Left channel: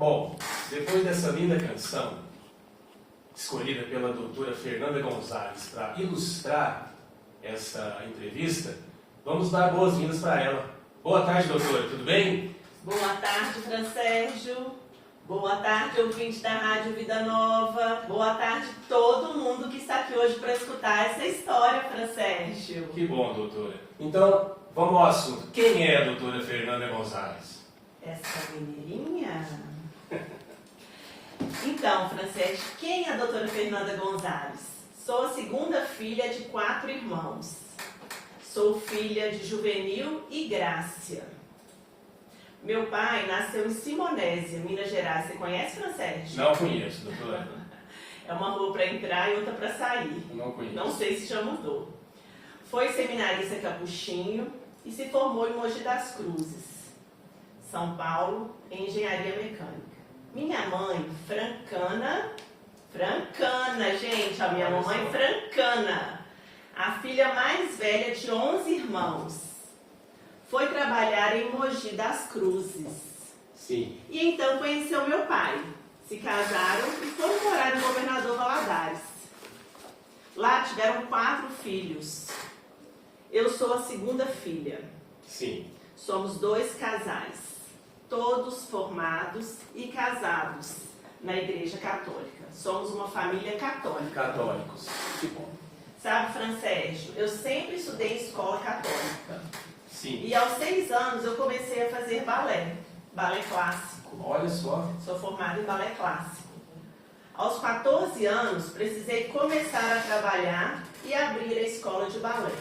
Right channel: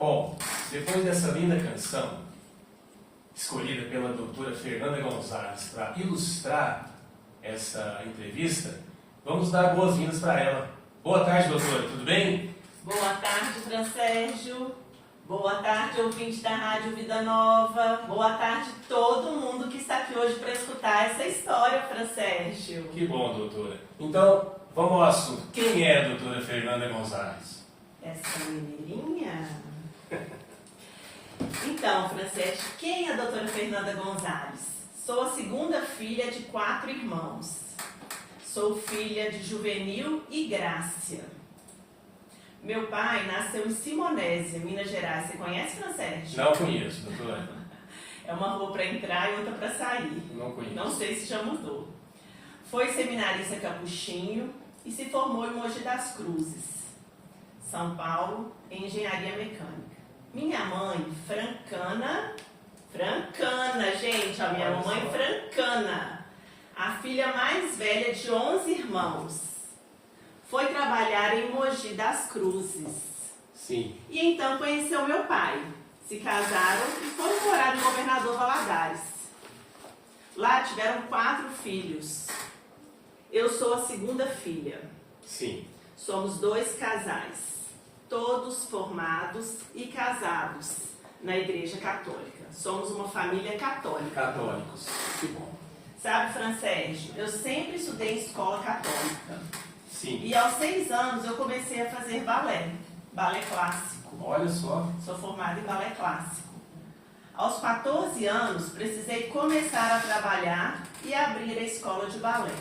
Bom, depois dessa linda canção, escolhida pela doutora Fernanda Gonzalez para ilustrar essa entrevista, vamos dar boas-vindas para ela. Boa tarde, doutora, tudo bem? Boa tarde, Fran Sérgio. Boa tarde, ouvinte da Rádio Vida Nova. Boa tarde todo mundo que está aqui hoje para escutar essa história, Fran Sérgio. Que bom, doutora. Então, vamos ao assunto. Quem é a doutora Fernanda Gonzalez? Essa mineirinha? Então, Fran Sérgio, quem é a doutora Fernanda Gonzalez? Sou a segunda filha de 4 irmãos. Sou filha de Juvenil e Grácia. Meu pai nasceu em Simonésia, Minas Gerais. Você conhece, Fran Sérgio? Não conheço, doutora. É uma rua para entrar e outra para sair. Não conheço. Não sei se já mudou. Foi seminarista capuchinho e se formou em Mogi das Cruzes, São Paulo, em engenharia mecânica. Minha mãe, francana, gente, a minha mamãe francana, a filha mais velha de 11 irmãos. Foi trabalhar em Mogi das Cruzes. Sim. E então conheceu meu pai. Se casaram e foram morar em Governador Valadares. Lá tiveram 4 filhos. Eu sou a segunda filha. Sim. Somos 2 casais, todos formados e casados na Igreja Católica. Somos uma família católica. Católicos. Que bom. Sabe, Fran Sérgio, eu sempre estudei em escola católica. Sim. E aos 6 anos eu comecei a fazer balé clássico. Olha só. Sou formada em balé clássico. Aos 14 anos, precisei começar a trabalhar e abrir a escola de balé.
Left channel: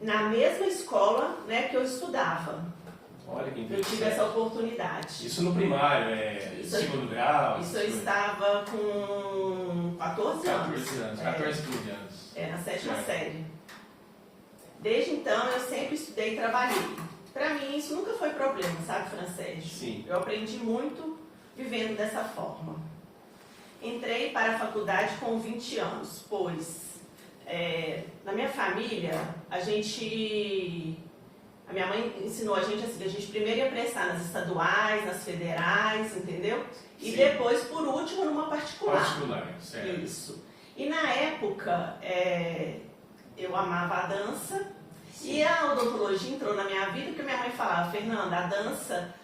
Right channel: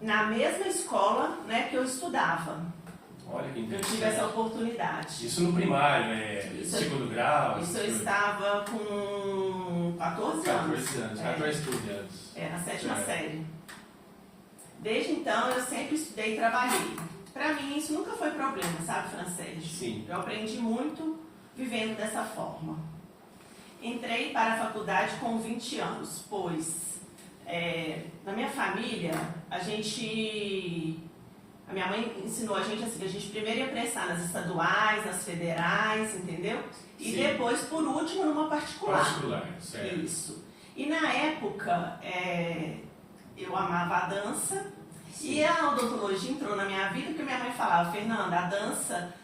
Na mesma escola, né, que eu estudava. Olha que Eu interessante. tive essa oportunidade. Isso no primário, Isso- segundo grau? Isso eu estava com 14 anos. 14 anos, 14 anos. Na 7ª É. série. Desde então, eu sempre estudei e trabalhei. Para mim, isso nunca foi problema, sabe, Fran Sérgio? Sim. Eu aprendi muito vivendo dessa forma. Entrei para a faculdade com 20 anos, pois na minha família, a minha mãe ensinou a gente assim, a gente primeiro ia prestar nas estaduais, nas federais, entendeu? E Sim. depois, por último, numa particular. Particular, certo. Isso. E na época, eu amava a dança. Sim. E a odontologia entrou na minha vida porque minha mãe falava, Fernanda,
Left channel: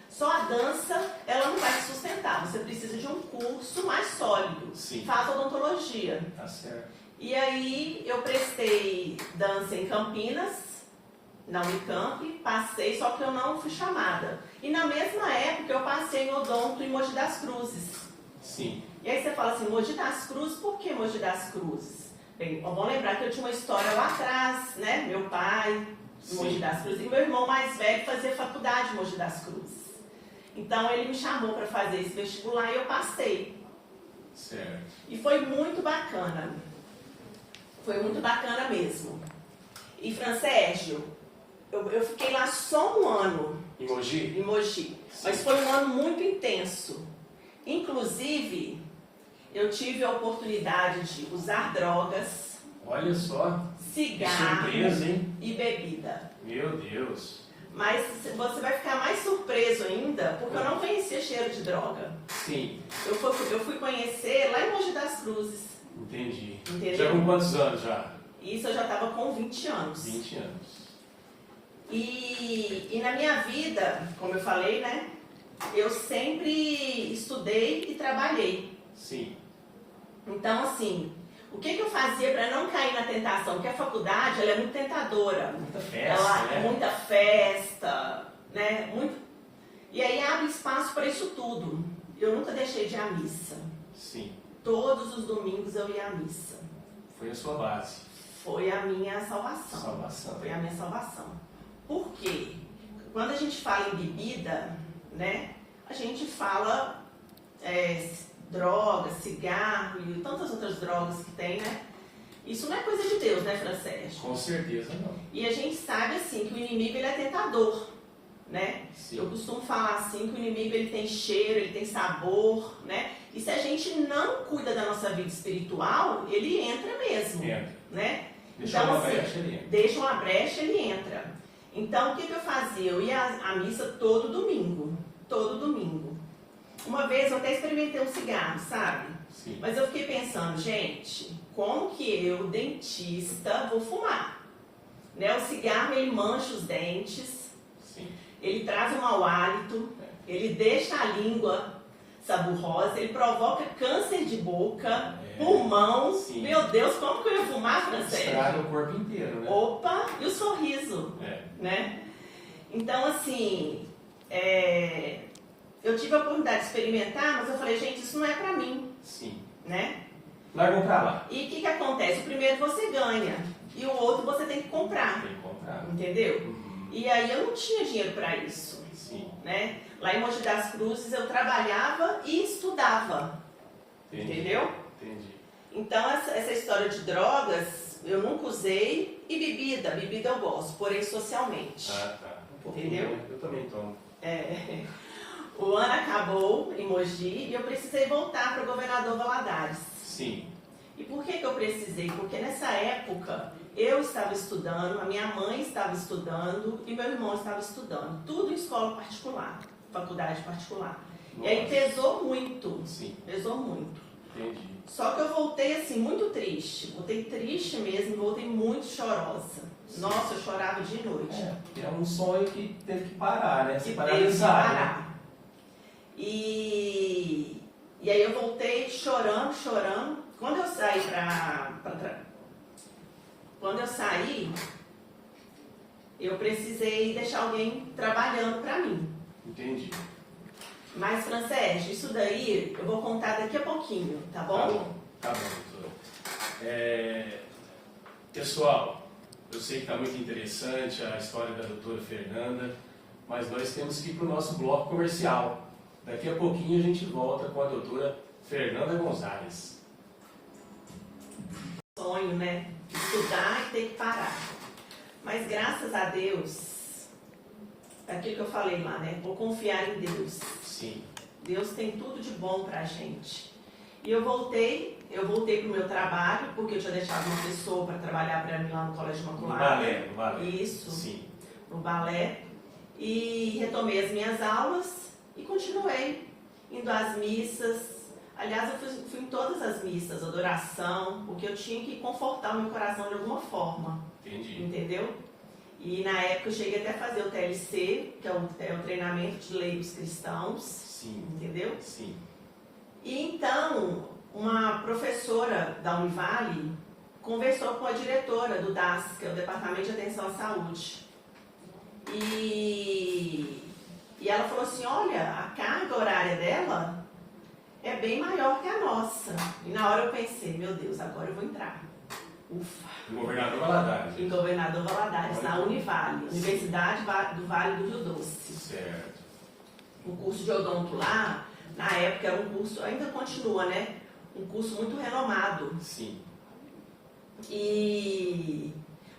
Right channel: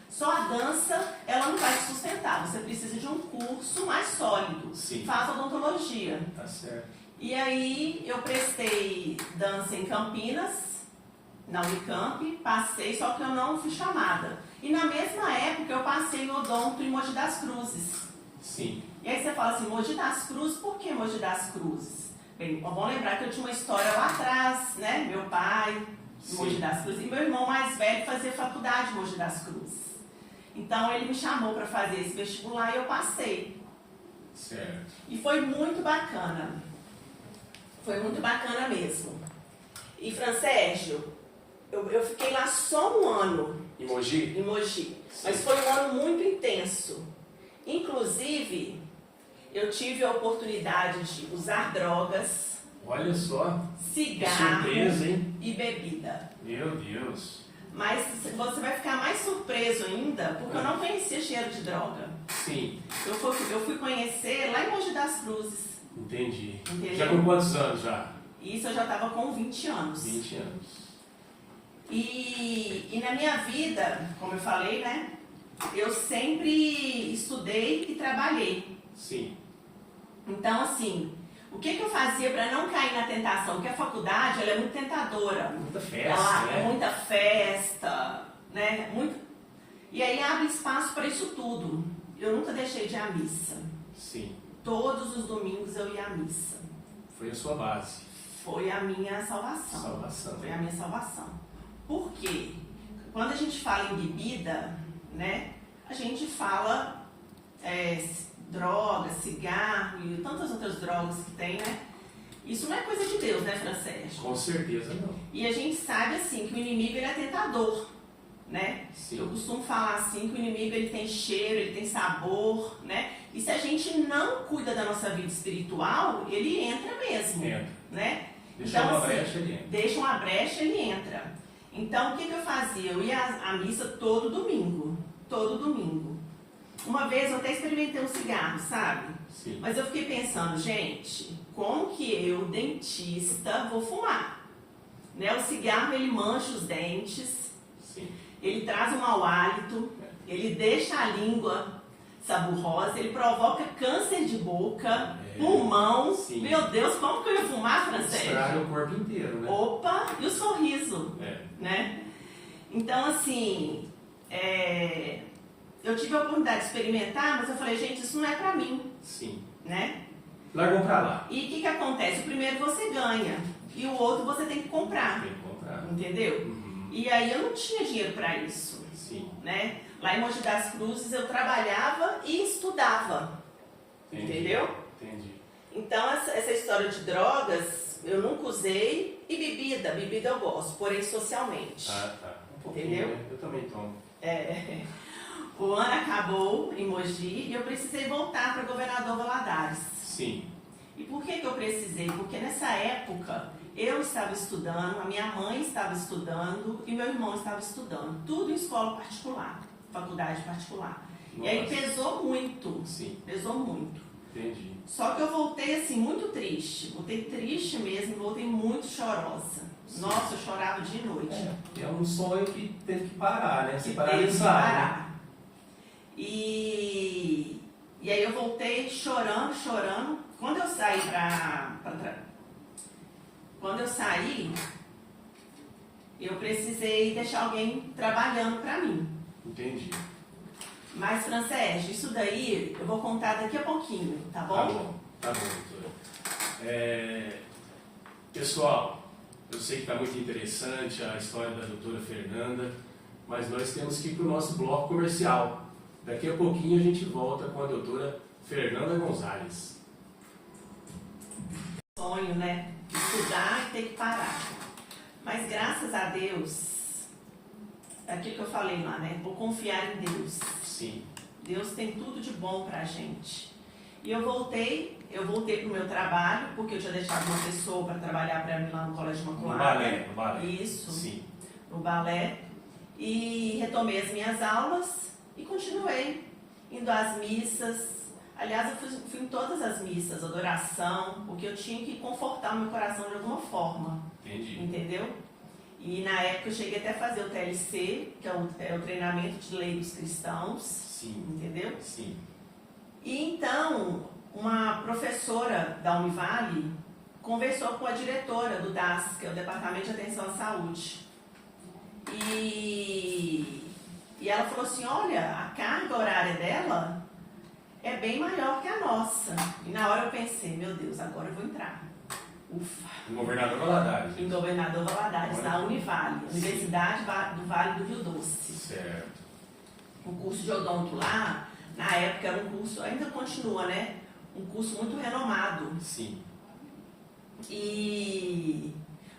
só a dança, ela não vai te sustentar. Você precisa de um curso mais sólido. Sim. Faz odontologia. Tá certo. E aí eu prestei dança em Campinas, na Unicamp, passei, só que eu não fui chamada. E na mesma época eu passei no odonto em Mogi das Cruzes. Sim. E aí você fala assim, Mogi das Cruzes, por que Mogi das Cruzes? Bem, é bom lembrar que eu tinha uma história lá atrás, né? Meu pai, em Mogi das Cruzes, e meu irmão mais velho fazia faculdade em Mogi das Cruzes. Então ele me chamou para fazer esse vestibular e eu passei. Certo. E foi muito bacana. Foi muito bacana mesmo. E, Fran Sérgio, eu fiquei lá só um ano Emoji? em Mogi. Mas foi um ano muito intenso. Inclusive, eu tive a oportunidade de usar drogas, Olha só. cigarro Surpresa, hein? e bebida. Meu Deus. Mas você vai ficar mais surpreso ainda, porque eu não conhecia cheiro de droga. Sim. Eu fui conhecer lá em Mogi das Cruzes. Entendi. Entendeu? Já com quantos anos já? Isso eu já estava com 20 anos. 20 anos. E na minha vida, como eu falei, né? Eu sempre estudei e trabalhei. Sim. Então, assim, o que eu fazia para não cair na tentação? Porque a faculdade, ela é muito tentadora. Muita festa, Ela né? é muita festa, né? E aí abre espaço para isso tudo. Eu nunca deixei de ir à missa. Sim. Todos os domingos eu ia à missa. Foi a sua base. Foi a minha salvação. Salvação. Foi a minha salvação. Por quê? Quando a gente fala em bebida, né? A gente fala droga, cigarro e tantas outras drogas que tem, né? Isso não é coisa de Deus, né, Fran Sérgio? Com certeza não. E a gente sabe, assim, que o inimigo, ele é tentador, né? Sim. Eu costumo falar assim, que o inimigo, ele tem cheiro, ele tem sabor, né? E se a gente não cuida da nossa vida espiritual, ele entra mesmo, Entra. né? Deixa uma assim, brecha, ele entra. Deixa uma brecha, ele entra. Então, o que eu fazia? Eu ia à missa todo domingo. Todo domingo. Uma vez eu até experimentei um cigarro, sabe? Sim. Mas eu fiquei pensando, gente, como que eu, dentista, vou fumar? Né? O cigarro, ele mancha os dentes, Sim. ele traz um mau hálito, ele deixa a língua saburrosa, ele provoca câncer de boca, pulmão. Sim. Meu Deus, como que eu ia fumar, Francês? Estraga o corpo inteiro, né? Opa, e o sorriso, É. né? Então, assim, eu tive a oportunidade de experimentar, mas eu falei, gente, isso não é pra mim, Sim. né? Largou pra lá. E o que acontece? O primeiro você ganha, e o outro você tem que comprar, Tem que comprar. entendeu? Uhum. E aí eu não tinha dinheiro pra isso, Sim. né? Lá em Mogi das Cruzes eu trabalhava e estudava, Entendi. entendeu? Entendi. Então essa história de drogas eu nunca usei, e bebida eu gosto, porém socialmente. Ah, tá. Um pouquinho, Entendeu? né? Eu também tomo. O ano acabou em Mogi e eu precisei voltar para Governador Valadares. Sim. E por que eu precisei? Porque nessa época eu estava estudando, a minha mãe estava estudando e meu irmão estava estudando. Tudo em escola particular, faculdade particular. Nossa. E aí pesou muito, Sim. pesou muito. Entendi. Só que eu voltei assim, muito triste. Voltei triste mesmo, voltei muito chorosa. Sim. Nossa, eu chorava de noite. É um sonho que teve que parar, né? Se Que paralisar. teve que Né? parar. E aí eu voltei chorando. Quando eu saí Quando eu saí, eu precisei deixar alguém trabalhando para mim. Entendi. Mas, Francés, isso daí eu vou contar daqui a pouquinho, tá bom? Tá bom, doutora. Pessoal, eu sei que está muito interessante a história da doutora Fernanda, mas nós temos que ir para o nosso bloco comercial. Daqui a pouquinho a gente volta com a doutora Fernanda Gonzalez. Sonho, né? Estudar e ter que parar. Mas graças a Deus, é aquilo que eu falei lá, né? Vou confiar em Deus. Sim. Deus tem tudo de bom pra gente. E eu voltei pro meu trabalho, porque eu tinha deixado uma pessoa para trabalhar para mim lá no Colégio Imaculada. No balé. Isso. Sim. No balé. E retomei as minhas aulas e continuei indo às missas. Aliás, eu fui em todas as missas, adoração, porque eu tinha que confortar o meu coração de alguma forma. Entendi. Entendeu? E na época eu cheguei até a fazer o TLC, que é o treinamento de lei dos cristãos. Sim. Entendeu? Sim. E então, uma professora da Univale conversou com a diretora do DAS, que é o Departamento de Atenção à Saúde. E ela falou assim, olha, a carga horária dela é bem maior que a nossa. E na hora eu pensei, meu Deus, agora eu vou entrar. Ufa! Em Governador Valadares. Em Governador Valadares, Olha. na Univale, Sim. Universidade do Vale do Rio Doce. Certo. O curso de odonto lá, na época era um curso, ainda continua, né? Um curso muito renomado. Sim.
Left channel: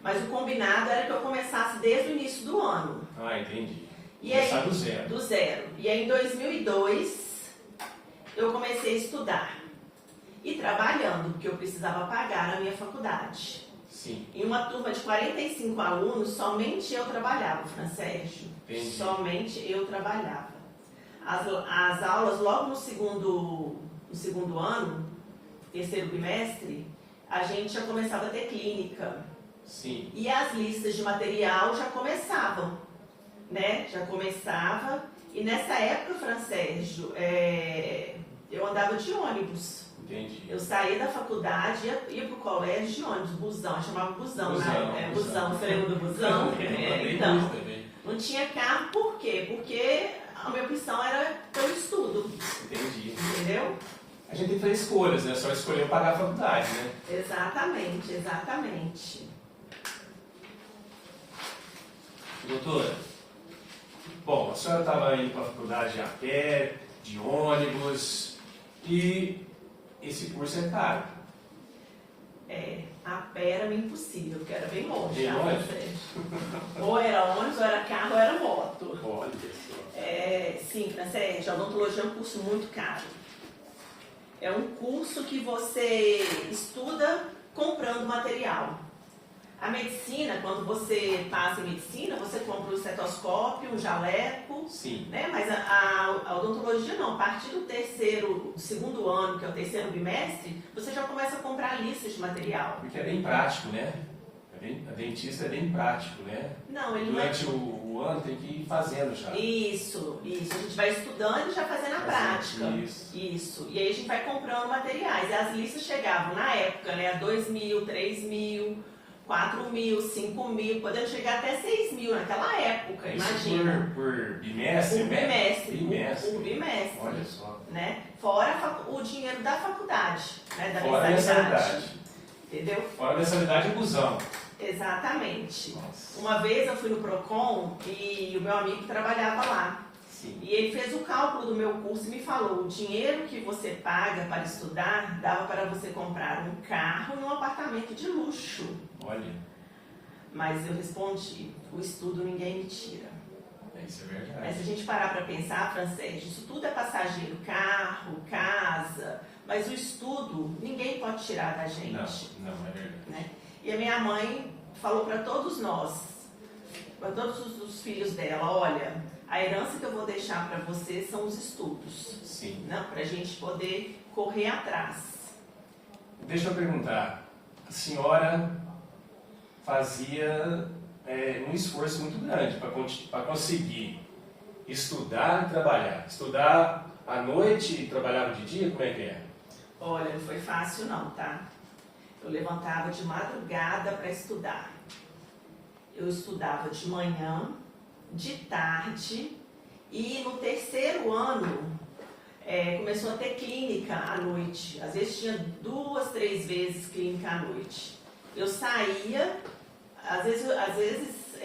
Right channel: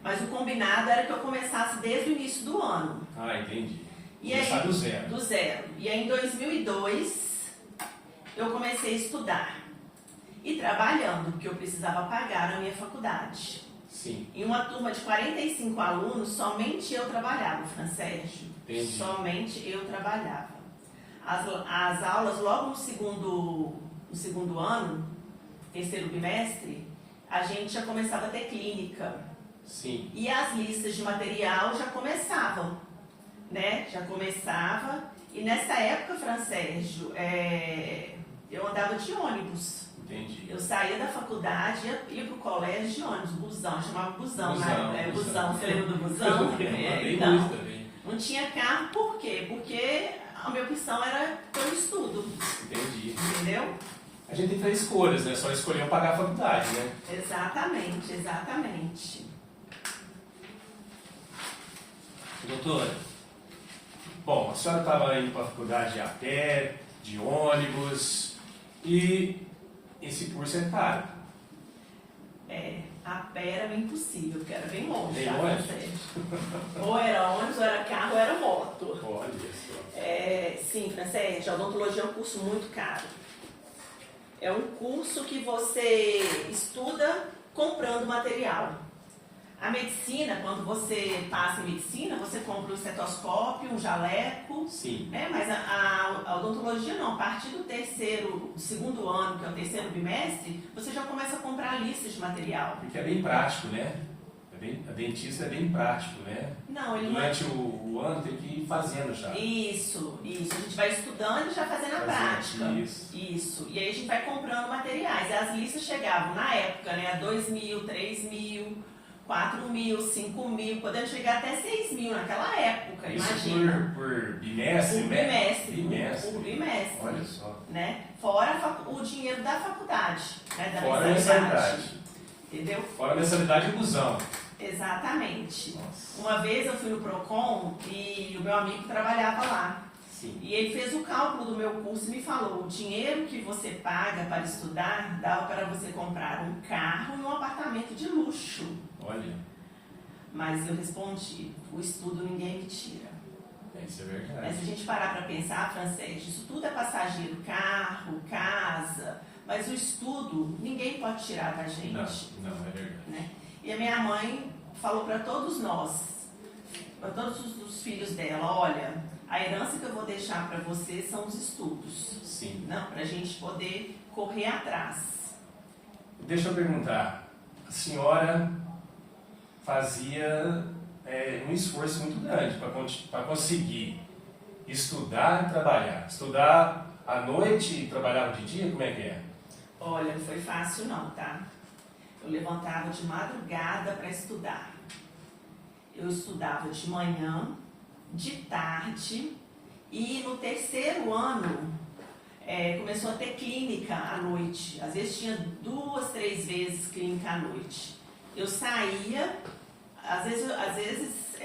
Mas o combinado era que eu começasse desde o início do ano. Ah, entendi. E Começar aí, do zero. do zero. E aí em 2002 eu comecei a estudar. E trabalhando, porque eu precisava pagar a minha faculdade. Sim. Em uma turma de 45 alunos, somente eu trabalhava, Francérgio. Entendi. Somente eu trabalhava. As aulas, logo no segundo ano, terceiro bimestre, a gente já começava a ter clínica. Sim. E as listas de material já começavam, né? Já começava. E nessa época, Francérgio, eu andava de ônibus. Entendi. Eu saía da faculdade, ia pro colégio de ônibus, busão, chamava busão, né? Busão, você lembra do busão? Então, não tinha carro, por quê? Porque a minha opção era pelo estudo. Entendi. Entendeu? A gente tem que fazer escolhas, né? Só escolher pagar a faculdade, né? Exatamente, exatamente. Doutora, bom, a senhora estava indo para a faculdade a pé, de ônibus, e esse curso é caro. A pé era impossível, porque era bem longe. Bem tá? longe? Ou era ônibus, ou era carro, ou era moto. Olha só. Sim, Francérgio, a odontologia é um curso muito caro. É um curso que você estuda comprando material. A medicina, quando você passa em medicina, você compra um estetoscópio, um jaleco, Sim. né? Mas a odontologia não, a partir do segundo ano, que é o terceiro bimestre, você já começa a comprar listas de material. Porque é bem prático, né? A dentista é bem prático, né? Não, ele Durante o ano tem que ir fazendo já. Isso. A gente vai estudando e já fazendo a prática. Isso. E aí a gente vai comprando materiais. E as listas chegavam na época, né? A 2.000, 3.000, 4.000, 5.000, podendo chegar até 6.000 naquela época, Isso imagina. por bimestre, né? Por bimestre. Olha só. Né? Fora o dinheiro da faculdade, né? Da Fora a mensalidade. Entendeu? Fora a mensalidade e busão. Exatamente. Nossa. Uma vez eu fui no Procon e o meu amigo trabalhava lá. Sim. E ele fez o cálculo do meu curso e me falou: o dinheiro que você paga para estudar dava para você comprar um carro e um apartamento de luxo. Olha. Mas eu respondi: o estudo ninguém me tira. Isso é verdade. Mas se a gente parar para pensar, Francês, isso tudo é passageiro, carro, casa, mas o estudo ninguém pode tirar da gente. Não, é verdade. Né? E a minha mãe falou para todos nós, para todos os filhos dela: olha, a herança que eu vou deixar para vocês são os estudos. Sim. Né? Para a gente poder correr atrás. Deixa eu perguntar, a senhora fazia um esforço muito grande para conseguir estudar e trabalhar. Estudar à noite e trabalhava de dia, como é que é? Olha, não foi fácil não, tá? Eu levantava de madrugada para estudar. Eu estudava de manhã, de tarde, e no terceiro ano começou a ter clínica à noite. Às vezes tinha 2, 3 vezes clínica à noite. Eu saía, às vezes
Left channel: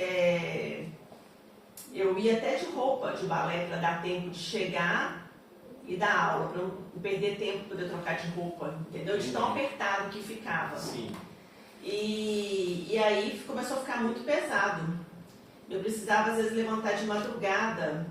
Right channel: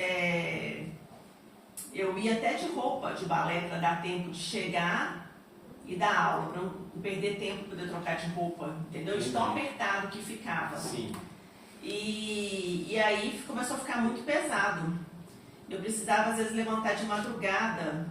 eu ia até de roupa de balé para dar tempo de chegar e dar aula, para não perder tempo para poder trocar de roupa, entendeu? De tão apertado que ficava. Sim. E aí começou a ficar muito pesado. Eu precisava às vezes levantar de madrugada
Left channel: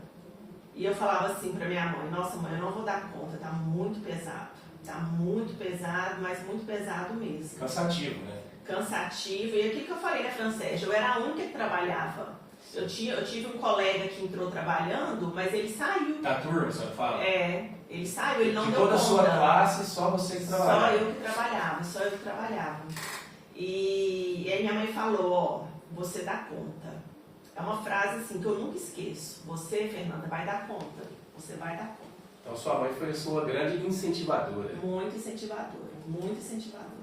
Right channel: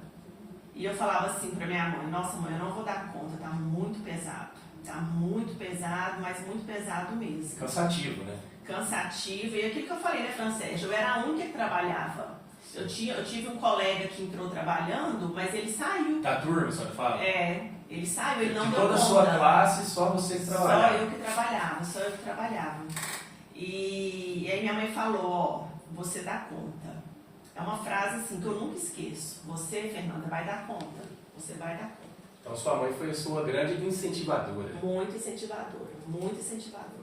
e eu falava assim para minha mãe: nossa mãe, eu não vou dar conta, tá muito pesado. Tá muito pesado, mas muito pesado mesmo. Cansativo, né? Cansativo. E aquilo que eu falei, né, Francês? Eu era a única que trabalhava. Eu tive um colega que entrou trabalhando, mas ele saiu. Da turma, a senhora fala? Ele saiu, ele não de deu toda conta. a sua classe, só você que trabalhava. Só eu que trabalhava. E aí minha mãe falou: ó, você dá conta. É uma frase assim que eu nunca esqueço. Você, Fernanda, vai dar conta. Você vai dar conta. Então sua mãe foi a sua grande incentivadora. Muito incentivadora, muito incentivadora.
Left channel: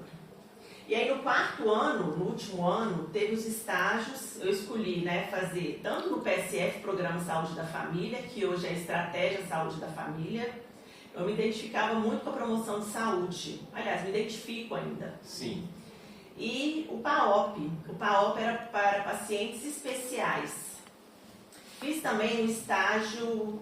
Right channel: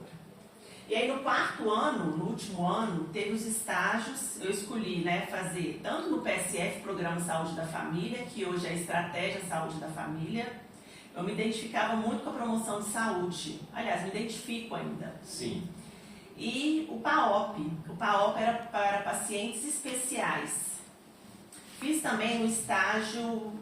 E aí no quarto ano, no último ano, teve os estágios. Eu escolhi, né, fazer tanto no PSF, Programa Saúde da Família, que hoje é Estratégia Saúde da Família. Eu me identificava muito com a promoção de saúde. Aliás, me identifico ainda. Sim. E o PAOP. O PAOP era para pacientes especiais. Fiz também um estágio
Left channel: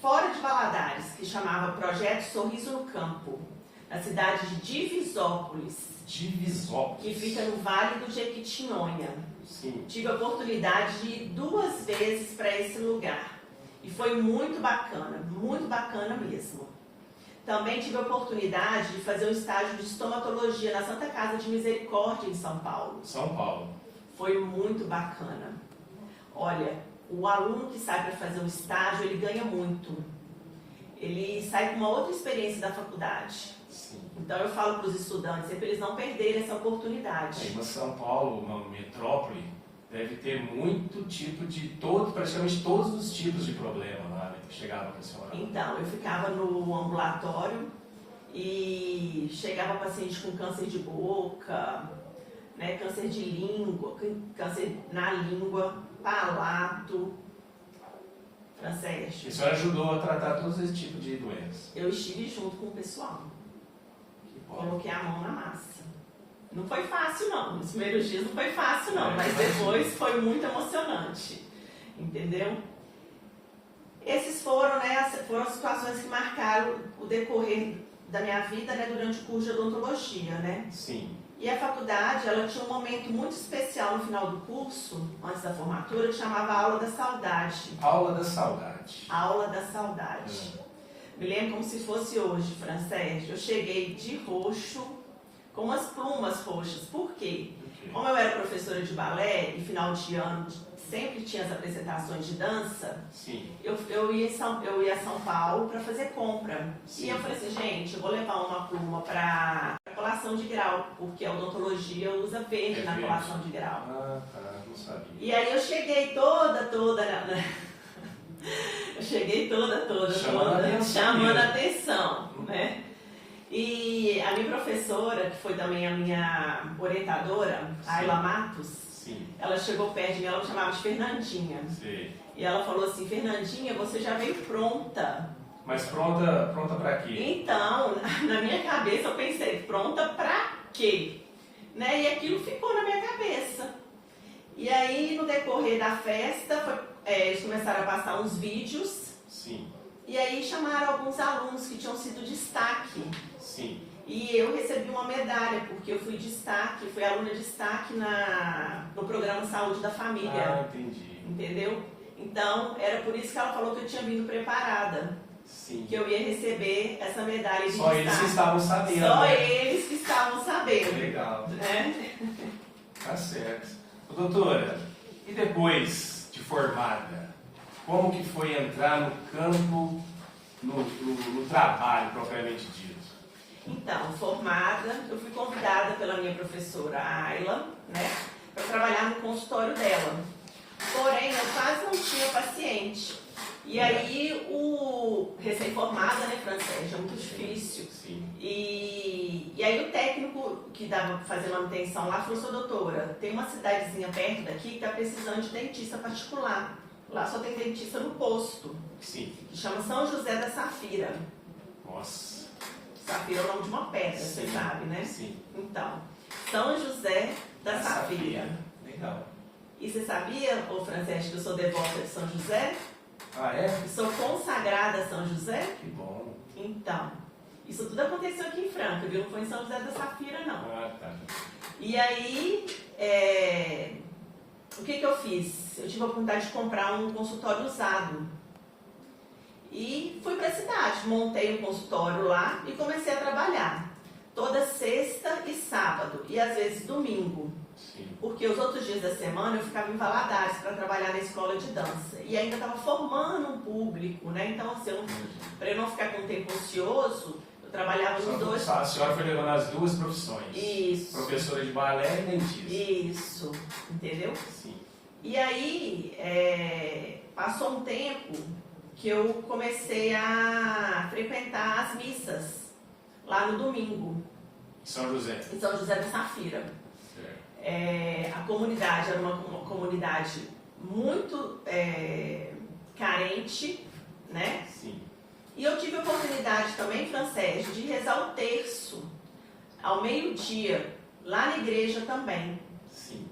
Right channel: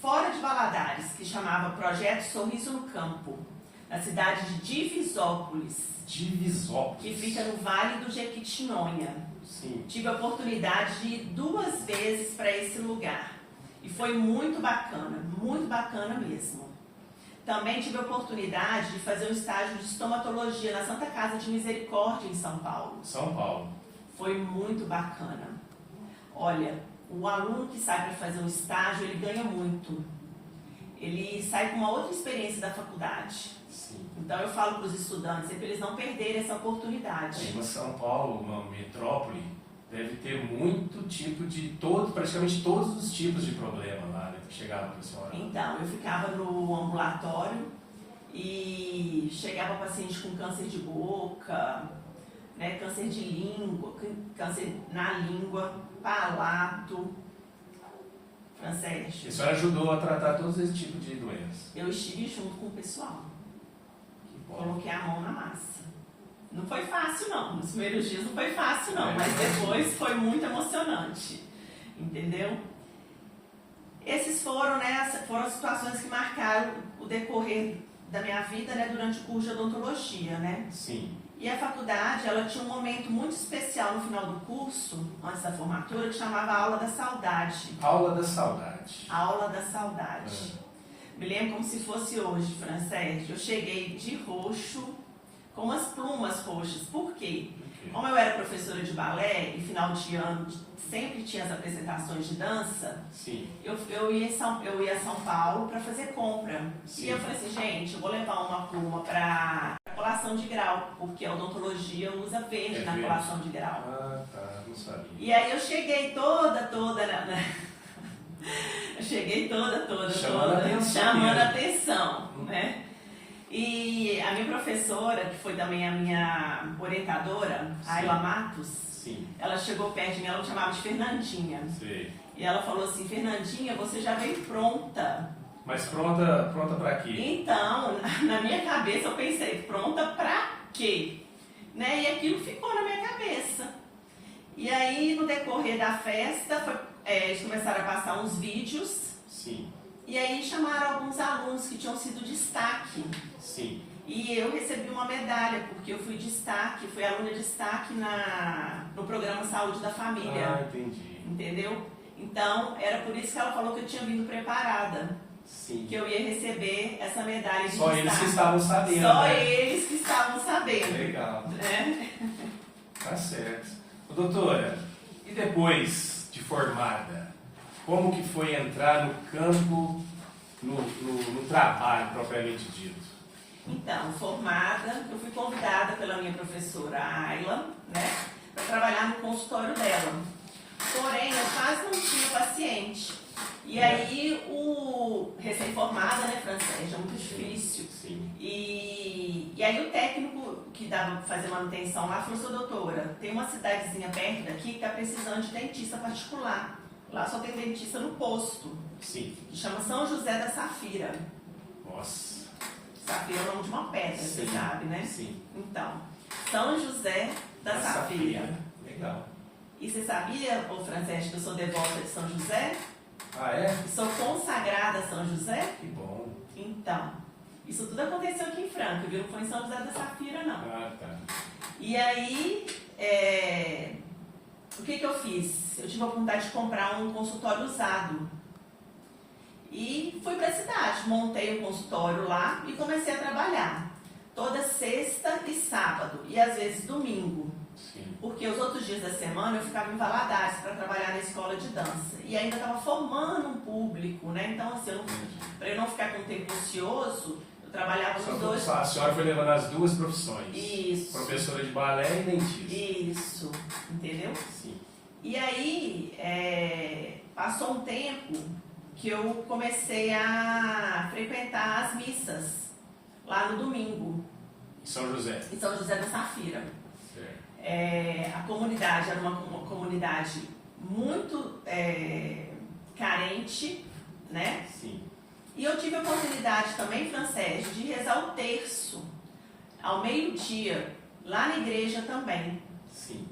fora de Valadares, que chamava Projeto Sorriso no Campo, na cidade de Divisópolis. Divisópolis. Que fica no Vale do Jequitinhonha. Sim. Tive a oportunidade de ir 2 vezes para esse lugar. E foi muito bacana mesmo. Também tive a oportunidade de fazer um estágio de estomatologia na Santa Casa de Misericórdia, em São Paulo. São Paulo. Foi muito bacana. Olha, o aluno que sai para fazer um estágio, ele ganha muito. Ele sai com uma outra experiência da faculdade. Sim. Então eu falo para os estudantes, para eles não perderem essa oportunidade. Mas São Paulo, uma metrópole, deve ter muito tipo de praticamente todos os tipos de problema lá, né, que chegavam para a senhora. Então, eu ficava no ambulatório e chegava paciente com câncer de boca, né, câncer de língua, câncer na língua, palato. Francês. E a senhora ajudou a tratar todos esses tipos de doenças? Eu estive junto com o pessoal. Coloquei a mão na massa. Não foi fácil não, nos primeiros dias não foi fácil não, mas depois foi muito emocionante, entendeu? Esses foram, né, foram situações que marcaram o decorrer da minha vida, né, durante o curso de odontologia, né? Sim. E a faculdade, ela tinha um momento muito especial no final do curso, antes da formatura, que chamava Aula da Saudade. Aula da Saudade. Aula da Saudade. Me lembro como se fosse hoje, Francês. Eu cheguei de roxo, com umas plumas roxas. Por quê? Como eu era professora de balé e final de ano sempre tinha as apresentações de dança, Sim. eu ia a São Paulo para fazer compra. Sim. E eu falei assim, gente, eu vou levar uma pluma para colação de grau, porque a odontologia usa verde na colação de grau. Ah, tá, não sabia. E aí eu cheguei toda eu cheguei toda chamando a atenção, né? E a minha professora, que foi também a minha orientadora, a Ayla Matos, sim, ela chegou perto de mim, ela me chamava de Fernandinha. sim. E ela falou assim, Fernandinha, você já veio pronta. Mas pronta pra quê? Então, na minha cabeça eu pensei, pronta pra quê? Né? E aquilo ficou na minha cabeça. E aí, no decorrer da festa, eles começaram a passar uns vídeos. Sim. E aí chamaram alguns alunos que tinham sido destaque. Sim. E eu recebi uma medalha, porque eu fui destaque, fui aluna destaque no programa Saúde da Família. Ah, entendi. Entendeu? Então, era por isso que ela falou que eu tinha vindo preparada. Sim. Que eu ia receber essa medalha de Só destaque. eles que estavam sabendo. Só né? eles que estavam sabendo. Legal. Né? Tá certo. Ô, doutora, e depois de formada, como que foi entrar no campo, no trabalho propriamente dito? Então, formada, eu fui convidada pela minha professora Ayla, né, para trabalhar no consultório dela. Porém, eu quase não tinha paciente. E aí, o recém-formada, né, Francês, é muito difícil. Sim. E aí o técnico que dava para fazer manutenção lá falou, doutora, tem uma cidadezinha perto daqui que está precisando de dentista particular. Lá só tem dentista no posto. Sim. Que chama São José da Safira. Nossa. Safira é o nome de uma pedra, Sim. você sabe, né? Sim. Então, São José da Safira. Legal. E você sabia, ô Francesco, que eu sou devota de São José? Ah, é? Eu sou consagrada a São José? Que bom. Então, isso tudo aconteceu aqui em Franca, viu? Não foi em São José da Safira, não. Ah, tá. E aí, o que eu fiz? Eu tive a oportunidade de comprar um consultório usado. E fui para a cidade, montei um consultório lá e comecei a trabalhar. Toda sexta e sábado, e às vezes domingo. Sim. Porque os outros dias da semana eu ficava em Valadares para trabalhar na escola de dança. E ainda estava formando um público, né? Então, assim, para eu não ficar com tempo ocioso, eu trabalhava nos dois. A senhora foi levando as duas profissões. Isso. Professora de balé e dentista. Isso, entendeu? Sim. E aí, passou um tempo que eu comecei a frequentar as missas lá no domingo. Em São José. Em São José da Safira. A comunidade era uma comunidade muito carente, né? Sim. E eu tive a oportunidade também, Francesco, de rezar o terço ao meio-dia, lá na igreja também. Sim.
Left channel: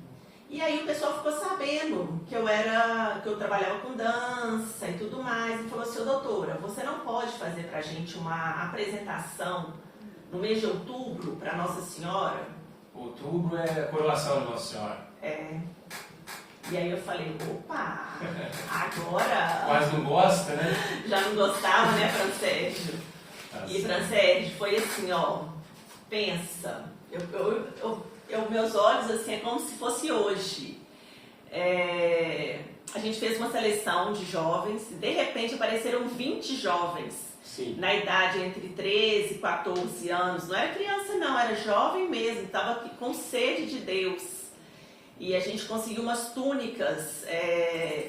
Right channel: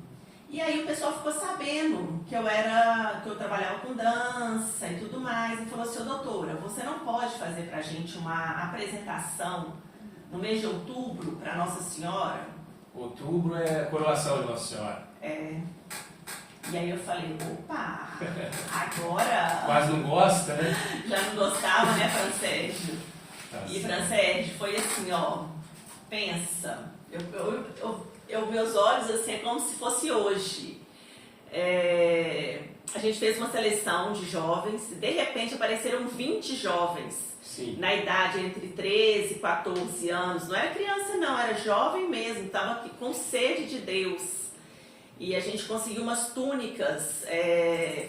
E aí o pessoal ficou sabendo que eu trabalhava com dança e tudo mais, e falou assim, doutora, você não pode fazer pra gente uma apresentação no mês de outubro para Nossa Senhora? Outubro é a coroação de Nossa Senhora. E aí eu falei, opa, agora... Quase não gosta, né? Já não gostava, né, Francesco? Tá E certo. Francesco, foi assim, ó, pensa, meus olhos assim, é como se fosse hoje. A gente fez uma seleção de jovens, e de repente apareceram 20 jovens. Sim. Na idade entre 13 e 14 anos, não era criança não, era jovem mesmo, estava com sede de Deus. E a gente conseguiu umas túnicas,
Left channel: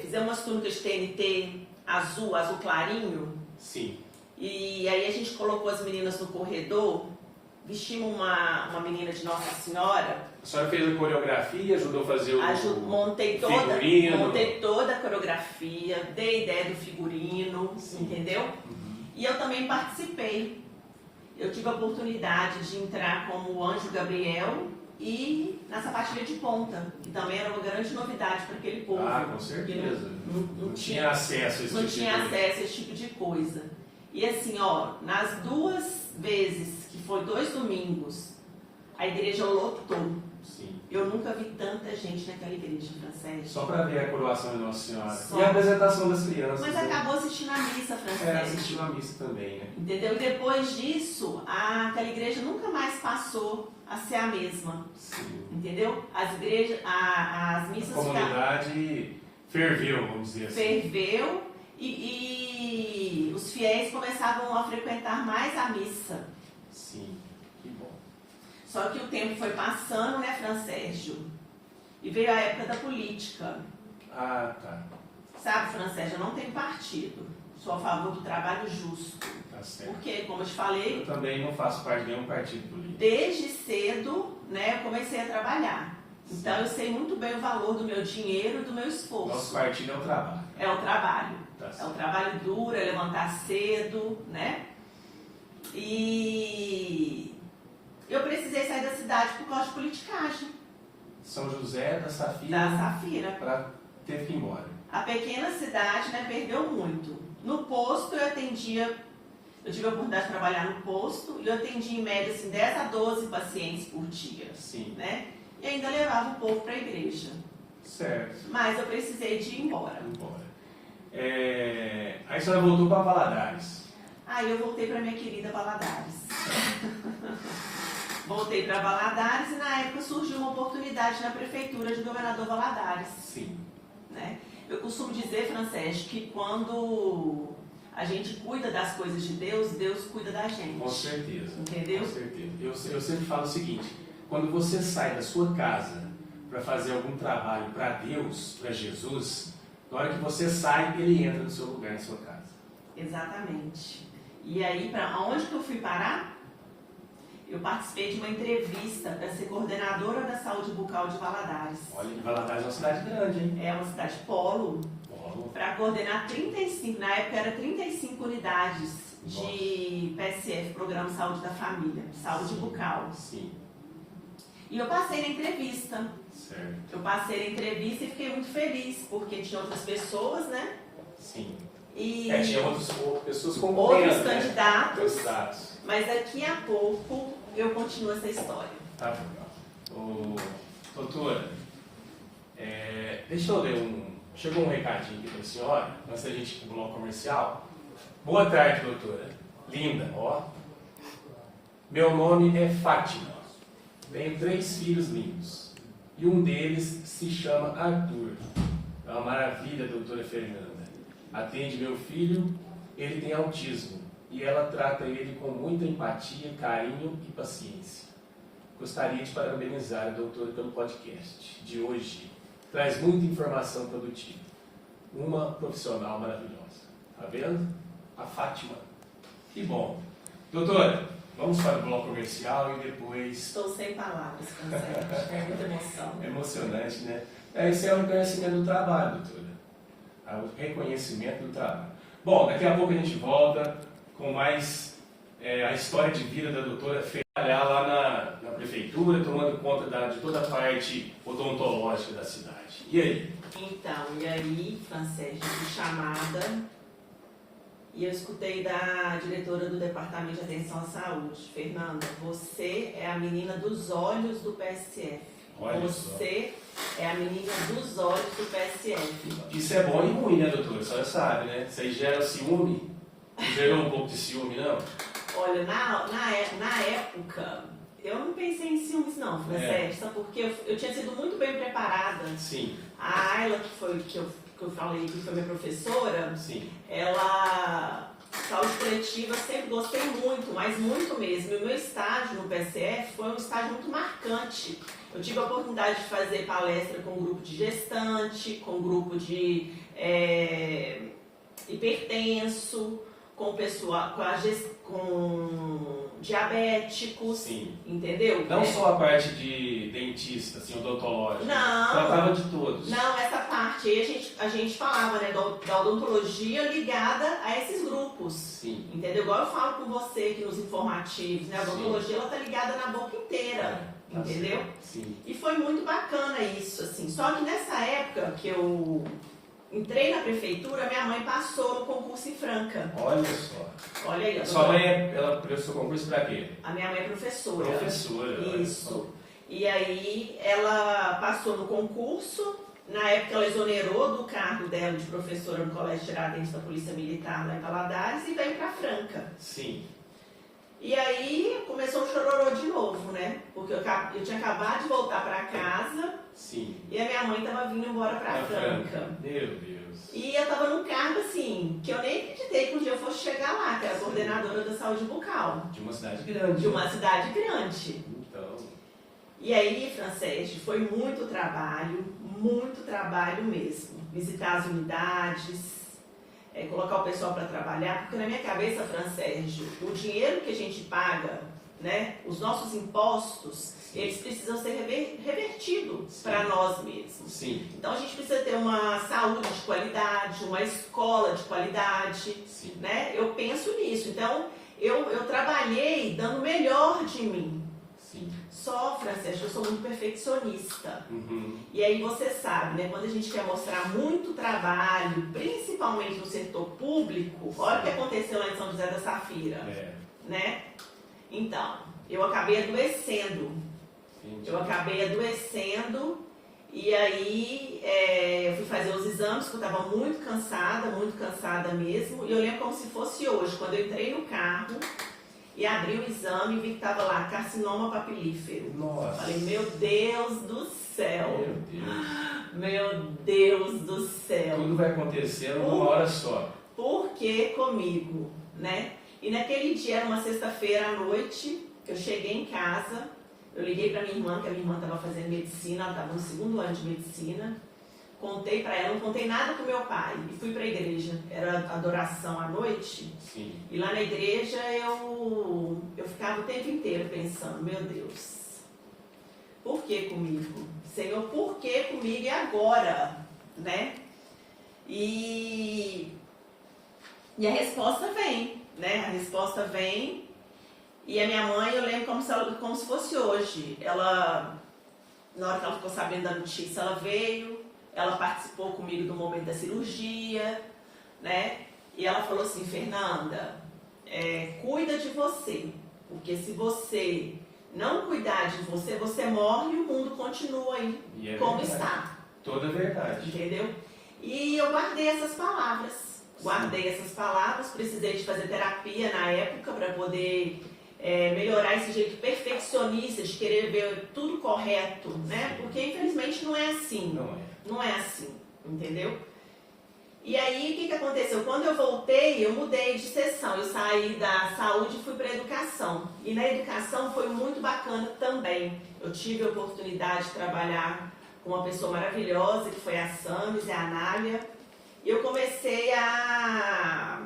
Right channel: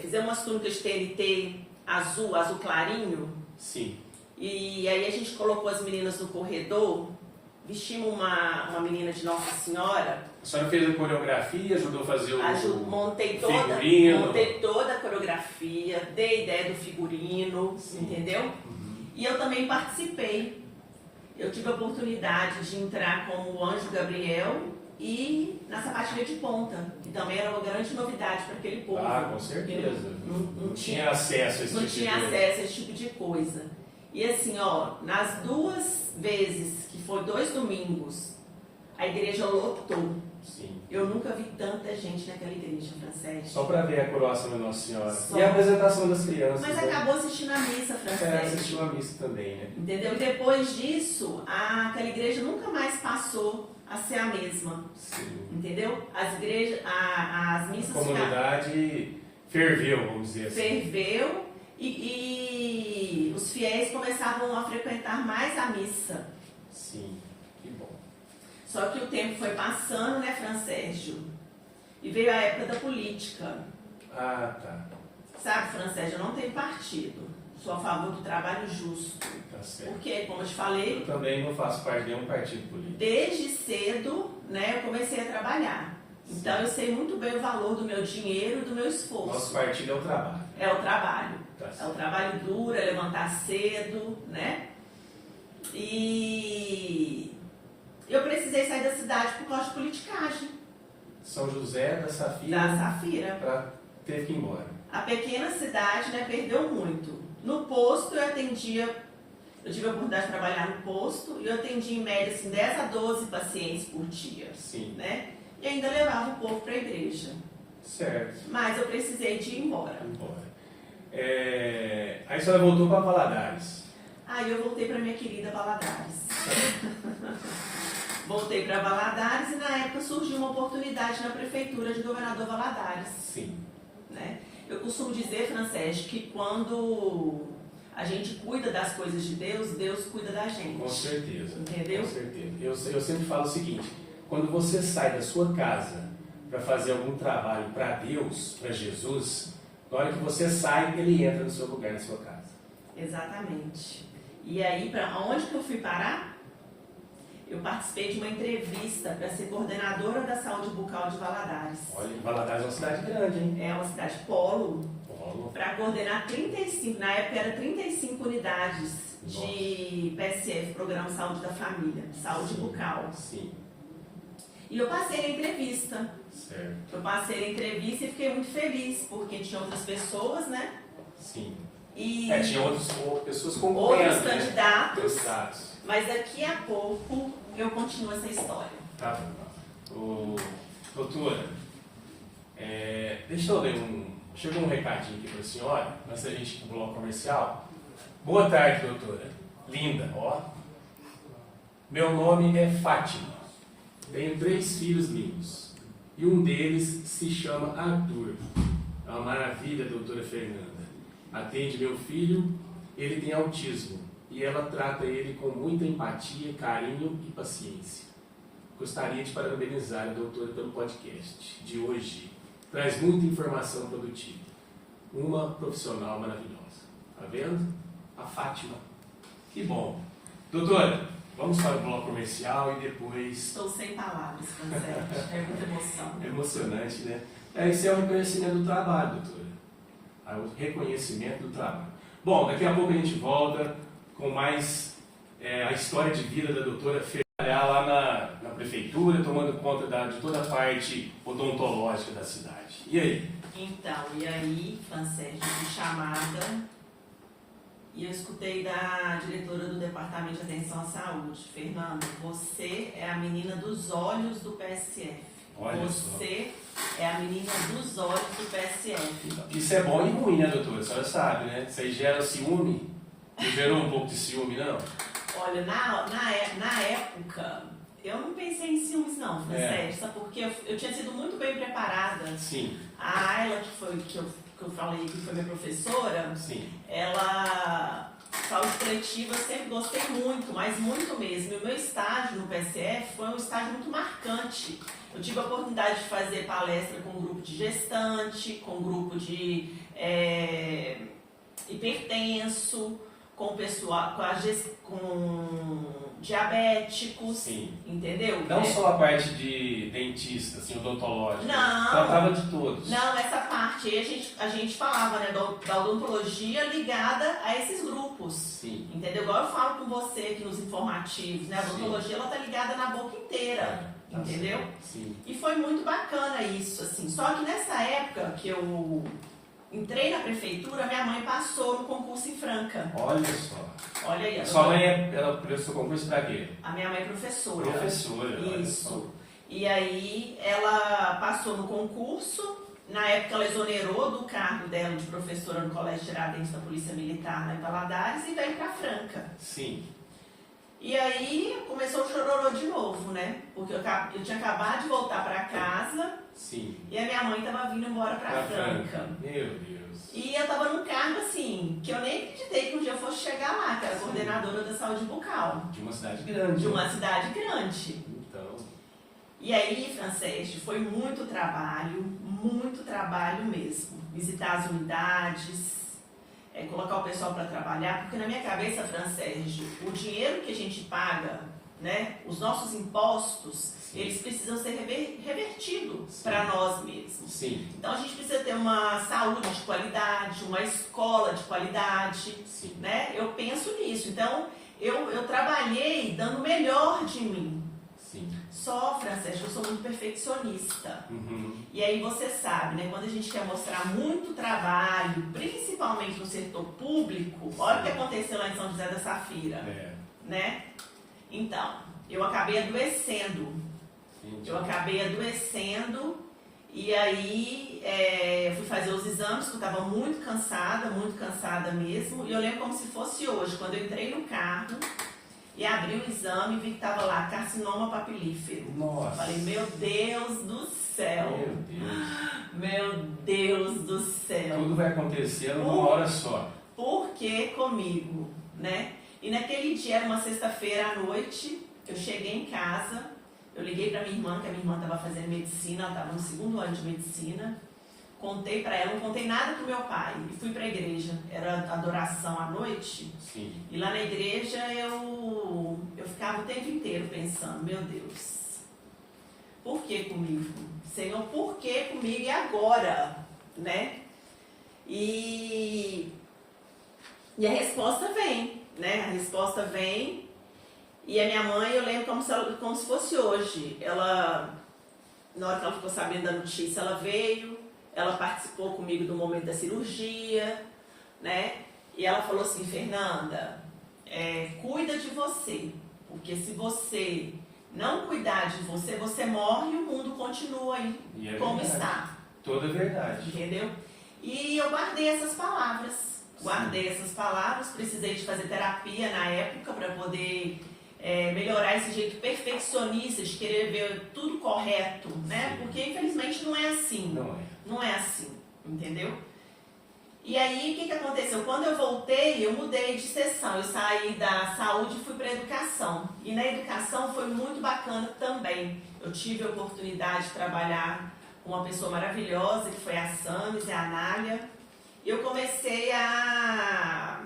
fizemos umas túnicas de TNT azul clarinho. Sim. E aí a gente colocou as meninas no corredor, vestimos uma menina de Nossa Senhora. A senhora fez a coreografia, ajudou a fazer o montei figurino. Montei toda a coreografia, dei ideia do figurino, Sim. entendeu? Uhum. E eu também participei. Eu tive a oportunidade de entrar como Anjo Gabriel e na sapatilha de ponta, que também era uma grande novidade para aquele povo. Ah, com certeza. Não tinha acesso a esse não tipo tinha de coisa. acesso a esse tipo de coisa. E assim, ó, nas 2 vezes, que foi 2 domingos, a igreja lotou. Sim. Eu nunca vi tanta gente naquela igreja, Francesco. Só para ver a coroação da Nossa Senhora. Só. E a apresentação das crianças. Mas né? acabou assistindo a missa, Francesco. Assistiu a missa também, né? Entendeu? E depois disso, aquela igreja nunca mais passou a ser a mesma. Sim. Entendeu? As igrejas, as missas... A comunidade ferveu, vamos dizer assim. Ferveu e os fiéis começavam a frequentar mais a missa. Sim, que bom. Só que o tempo foi passando, né, Francésio? E veio a época da política. Ah, tá. Sabe, Francésio, eu não tenho partido. Sou a favor do trabalho justo. Tá certo. Porque, como eu te falei, Eu também não faço parte de nenhum partido político. desde cedo, né, eu comecei a trabalhar. Então eu sei muito bem o valor do meu dinheiro e do meu esforço. Nosso partido é o trabalho. É o trabalho. Tá É o certo. trabalho duro, é levantar cedo, né? E eu precisei sair da cidade por causa de politicagem. São José da Safira. Da Safira. Teve que ir embora. A pequena cidade, né, perdeu muito. No posto eu tive a oportunidade de trabalhar no posto e eu atendia em média assim, 10 a 12 pacientes por dia, Sim. né? E ainda levava o povo para a igreja. Certo. Mas eu precisei de ir embora. Embora. Aí a senhora voltou para Valadares. Aí eu voltei para minha querida Valadares. Voltei para Valadares e na época surgiu uma oportunidade na prefeitura de Governador Valadares. Sim. Né? Eu costumo dizer, Francesco, que quando a gente cuida das coisas de Deus, Deus cuida da gente. Com certeza. Entendeu? Com certeza. Eu sempre falo o seguinte: quando você sai da sua casa para fazer algum trabalho para Deus, para Jesus, na hora que você sai, Ele entra no seu lugar, na sua casa. Exatamente. E aí, para onde que eu fui parar? Eu participei de uma entrevista para ser coordenadora da saúde bucal de Valadares. Olha, Valadares é uma cidade grande, hein? É uma cidade polo. Polo. Para coordenar 35, na época era 35 unidades de PSF, Programa Saúde da Família, saúde bucal. Sim. E eu passei na entrevista. Certo. Eu passei na entrevista e fiquei muito feliz, porque tinha outras pessoas, né? Sim. E Tinha outras pessoas concorrendo, outros candidatos, Candidatos. mas daqui a pouco eu continuo essa história. Tá bom. Doutora, deixa eu ler Chegou um recadinho aqui para a senhora, antes da gente ir para o bloco comercial. Boa tarde, doutora. Linda, ó. Meu nome é Fátima. Tenho 3 filhos lindos. E um deles se chama Arthur. É uma maravilha, doutora Fernanda. Atende meu filho, ele tem autismo. E ela trata ele com muita empatia, carinho e paciência. Gostaria de parabenizar a doutora pelo podcast de hoje. Traz muita informação produtiva. Uma profissional maravilhosa. Tá vendo? A Fátima. Que bom. Doutora, vamos para o bloco comercial e depois... Estou sem palavras, Francesco. É muita emoção. É emocionante, né? Esse é o reconhecimento do trabalho, doutora. É o reconhecimento do trabalho. Bom, daqui a pouco a gente volta com mais a história de vida da doutora Fê. Trabalhar lá na prefeitura, tomando conta de toda a parte odontológica da cidade. E aí? Então, e aí, Francesco, fui chamada e eu escutei da diretora do Departamento de Atenção à Saúde, Fernanda, você é a menina dos olhos do PSF. Olha você é a menina dos olhos do PSF. Isso é bom e ruim, né, doutora? A senhora sabe, né? Isso aí gera ciúme. Não gerou um pouco de ciúme, não? Olha, na época, eu não pensei em ciúmes não, Francesco, sabe por quê? Eu tinha sido muito bem preparada. Sim. A Ayla, que eu falei que foi minha professora, Sim. ela, saúde coletiva, eu sempre gostei muito, mas muito mesmo. E o meu estágio no PSF foi um estágio muito marcante. Eu tive a oportunidade de fazer palestra com um grupo de gestante, com um grupo de hipertenso, com pessoal, com diabéticos, Sim. entendeu? Não só a parte de dentista, assim, odontológica. Não. Tratava de todos. Não, essa parte aí a gente falava, né, da odontologia ligada a esses grupos. Sim. Entendeu? Igual eu falo com você aqui nos informativos, né? A odontologia ela tá ligada na boca inteira. Entendeu? Sim. E foi muito bacana isso, assim. Só que nessa época que eu entrei na prefeitura, minha mãe passou no concurso em Franca. Olha só. Olha aí. Sua mãe, ela prestou concurso para quê? A minha mãe é professora. Professora. Isso. E aí ela passou no concurso. Na época ela exonerou do cargo dela de professora no Colégio Tiradentes da Polícia Militar lá em Valadares e veio para Franca. Sim. E aí começou o chororô de novo, né? Porque eu tinha acabado de voltar para casa. Sim. E a minha mãe estava vindo embora para Franca. Meu Deus. E eu estava num cargo assim, que eu nem acreditei que um dia eu fosse chegar lá, que era coordenadora da saúde bucal. De uma cidade grande. De uma cidade grande. Então. E aí, Franceschi, foi muito trabalho mesmo. Visitar as unidades, colocar o pessoal para trabalhar, porque na minha cabeça, Franceschi, o dinheiro que a gente paga, né, os nossos impostos, sim, eles precisam ser revertidos para nós mesmos. Sim. Então a gente precisa ter uma saúde de qualidade, uma escola de qualidade, sim, né? Eu penso nisso. Então eu trabalhei dando o melhor de mim. Sim. Só, Francesco, eu sou muito perfeccionista. Uhum. E aí você sabe, né? Quando a gente quer mostrar muito trabalho, principalmente no setor público, olha o que aconteceu lá em São José da Safira, né? Então, eu acabei adoecendo. E aí eu fui fazer os exames, porque eu estava muito cansada mesmo. E eu lembro como se fosse hoje, quando eu entrei no carro e abri o exame e vi que estava lá, carcinoma papilífero. Nossa. Falei, meu Deus do céu. Meu Deus. Meu Deus do céu. Tudo vai acontecer numa hora só. Por que comigo, né? E naquele dia, era uma sexta-feira à noite, eu cheguei em casa, eu liguei para minha irmã, que a minha irmã estava fazendo medicina, ela estava no 2º ano de medicina. Contei para ela, não contei nada pro meu pai. E fui para a igreja, era adoração à noite. Sim. E lá na igreja eu ficava o tempo inteiro pensando, meu Deus, por que comigo? Senhor, por que comigo e agora? Né? E a resposta vem, né? A resposta vem. E a minha mãe, eu lembro como se fosse hoje. Ela, na hora que ela ficou sabendo da notícia, ela veio, ela participou comigo do momento da cirurgia, né? E ela falou assim, Fernanda, cuida de você, porque se você não cuidar de você, você morre e o mundo continua aí como verdade. está. Toda verdade. Entendeu? E eu guardei essas palavras. Precisei de fazer terapia na época para poder melhorar esse jeito perfeccionista de querer ver tudo correto, né? Porque infelizmente não é assim. Não é assim, entendeu? E aí, o que aconteceu? Quando eu voltei, eu mudei de seção. Eu saí da saúde e fui para a educação. E na educação foi muito bacana também. Eu tive a oportunidade de trabalhar com uma pessoa maravilhosa, que foi a Samis e a Anália. Eu comecei a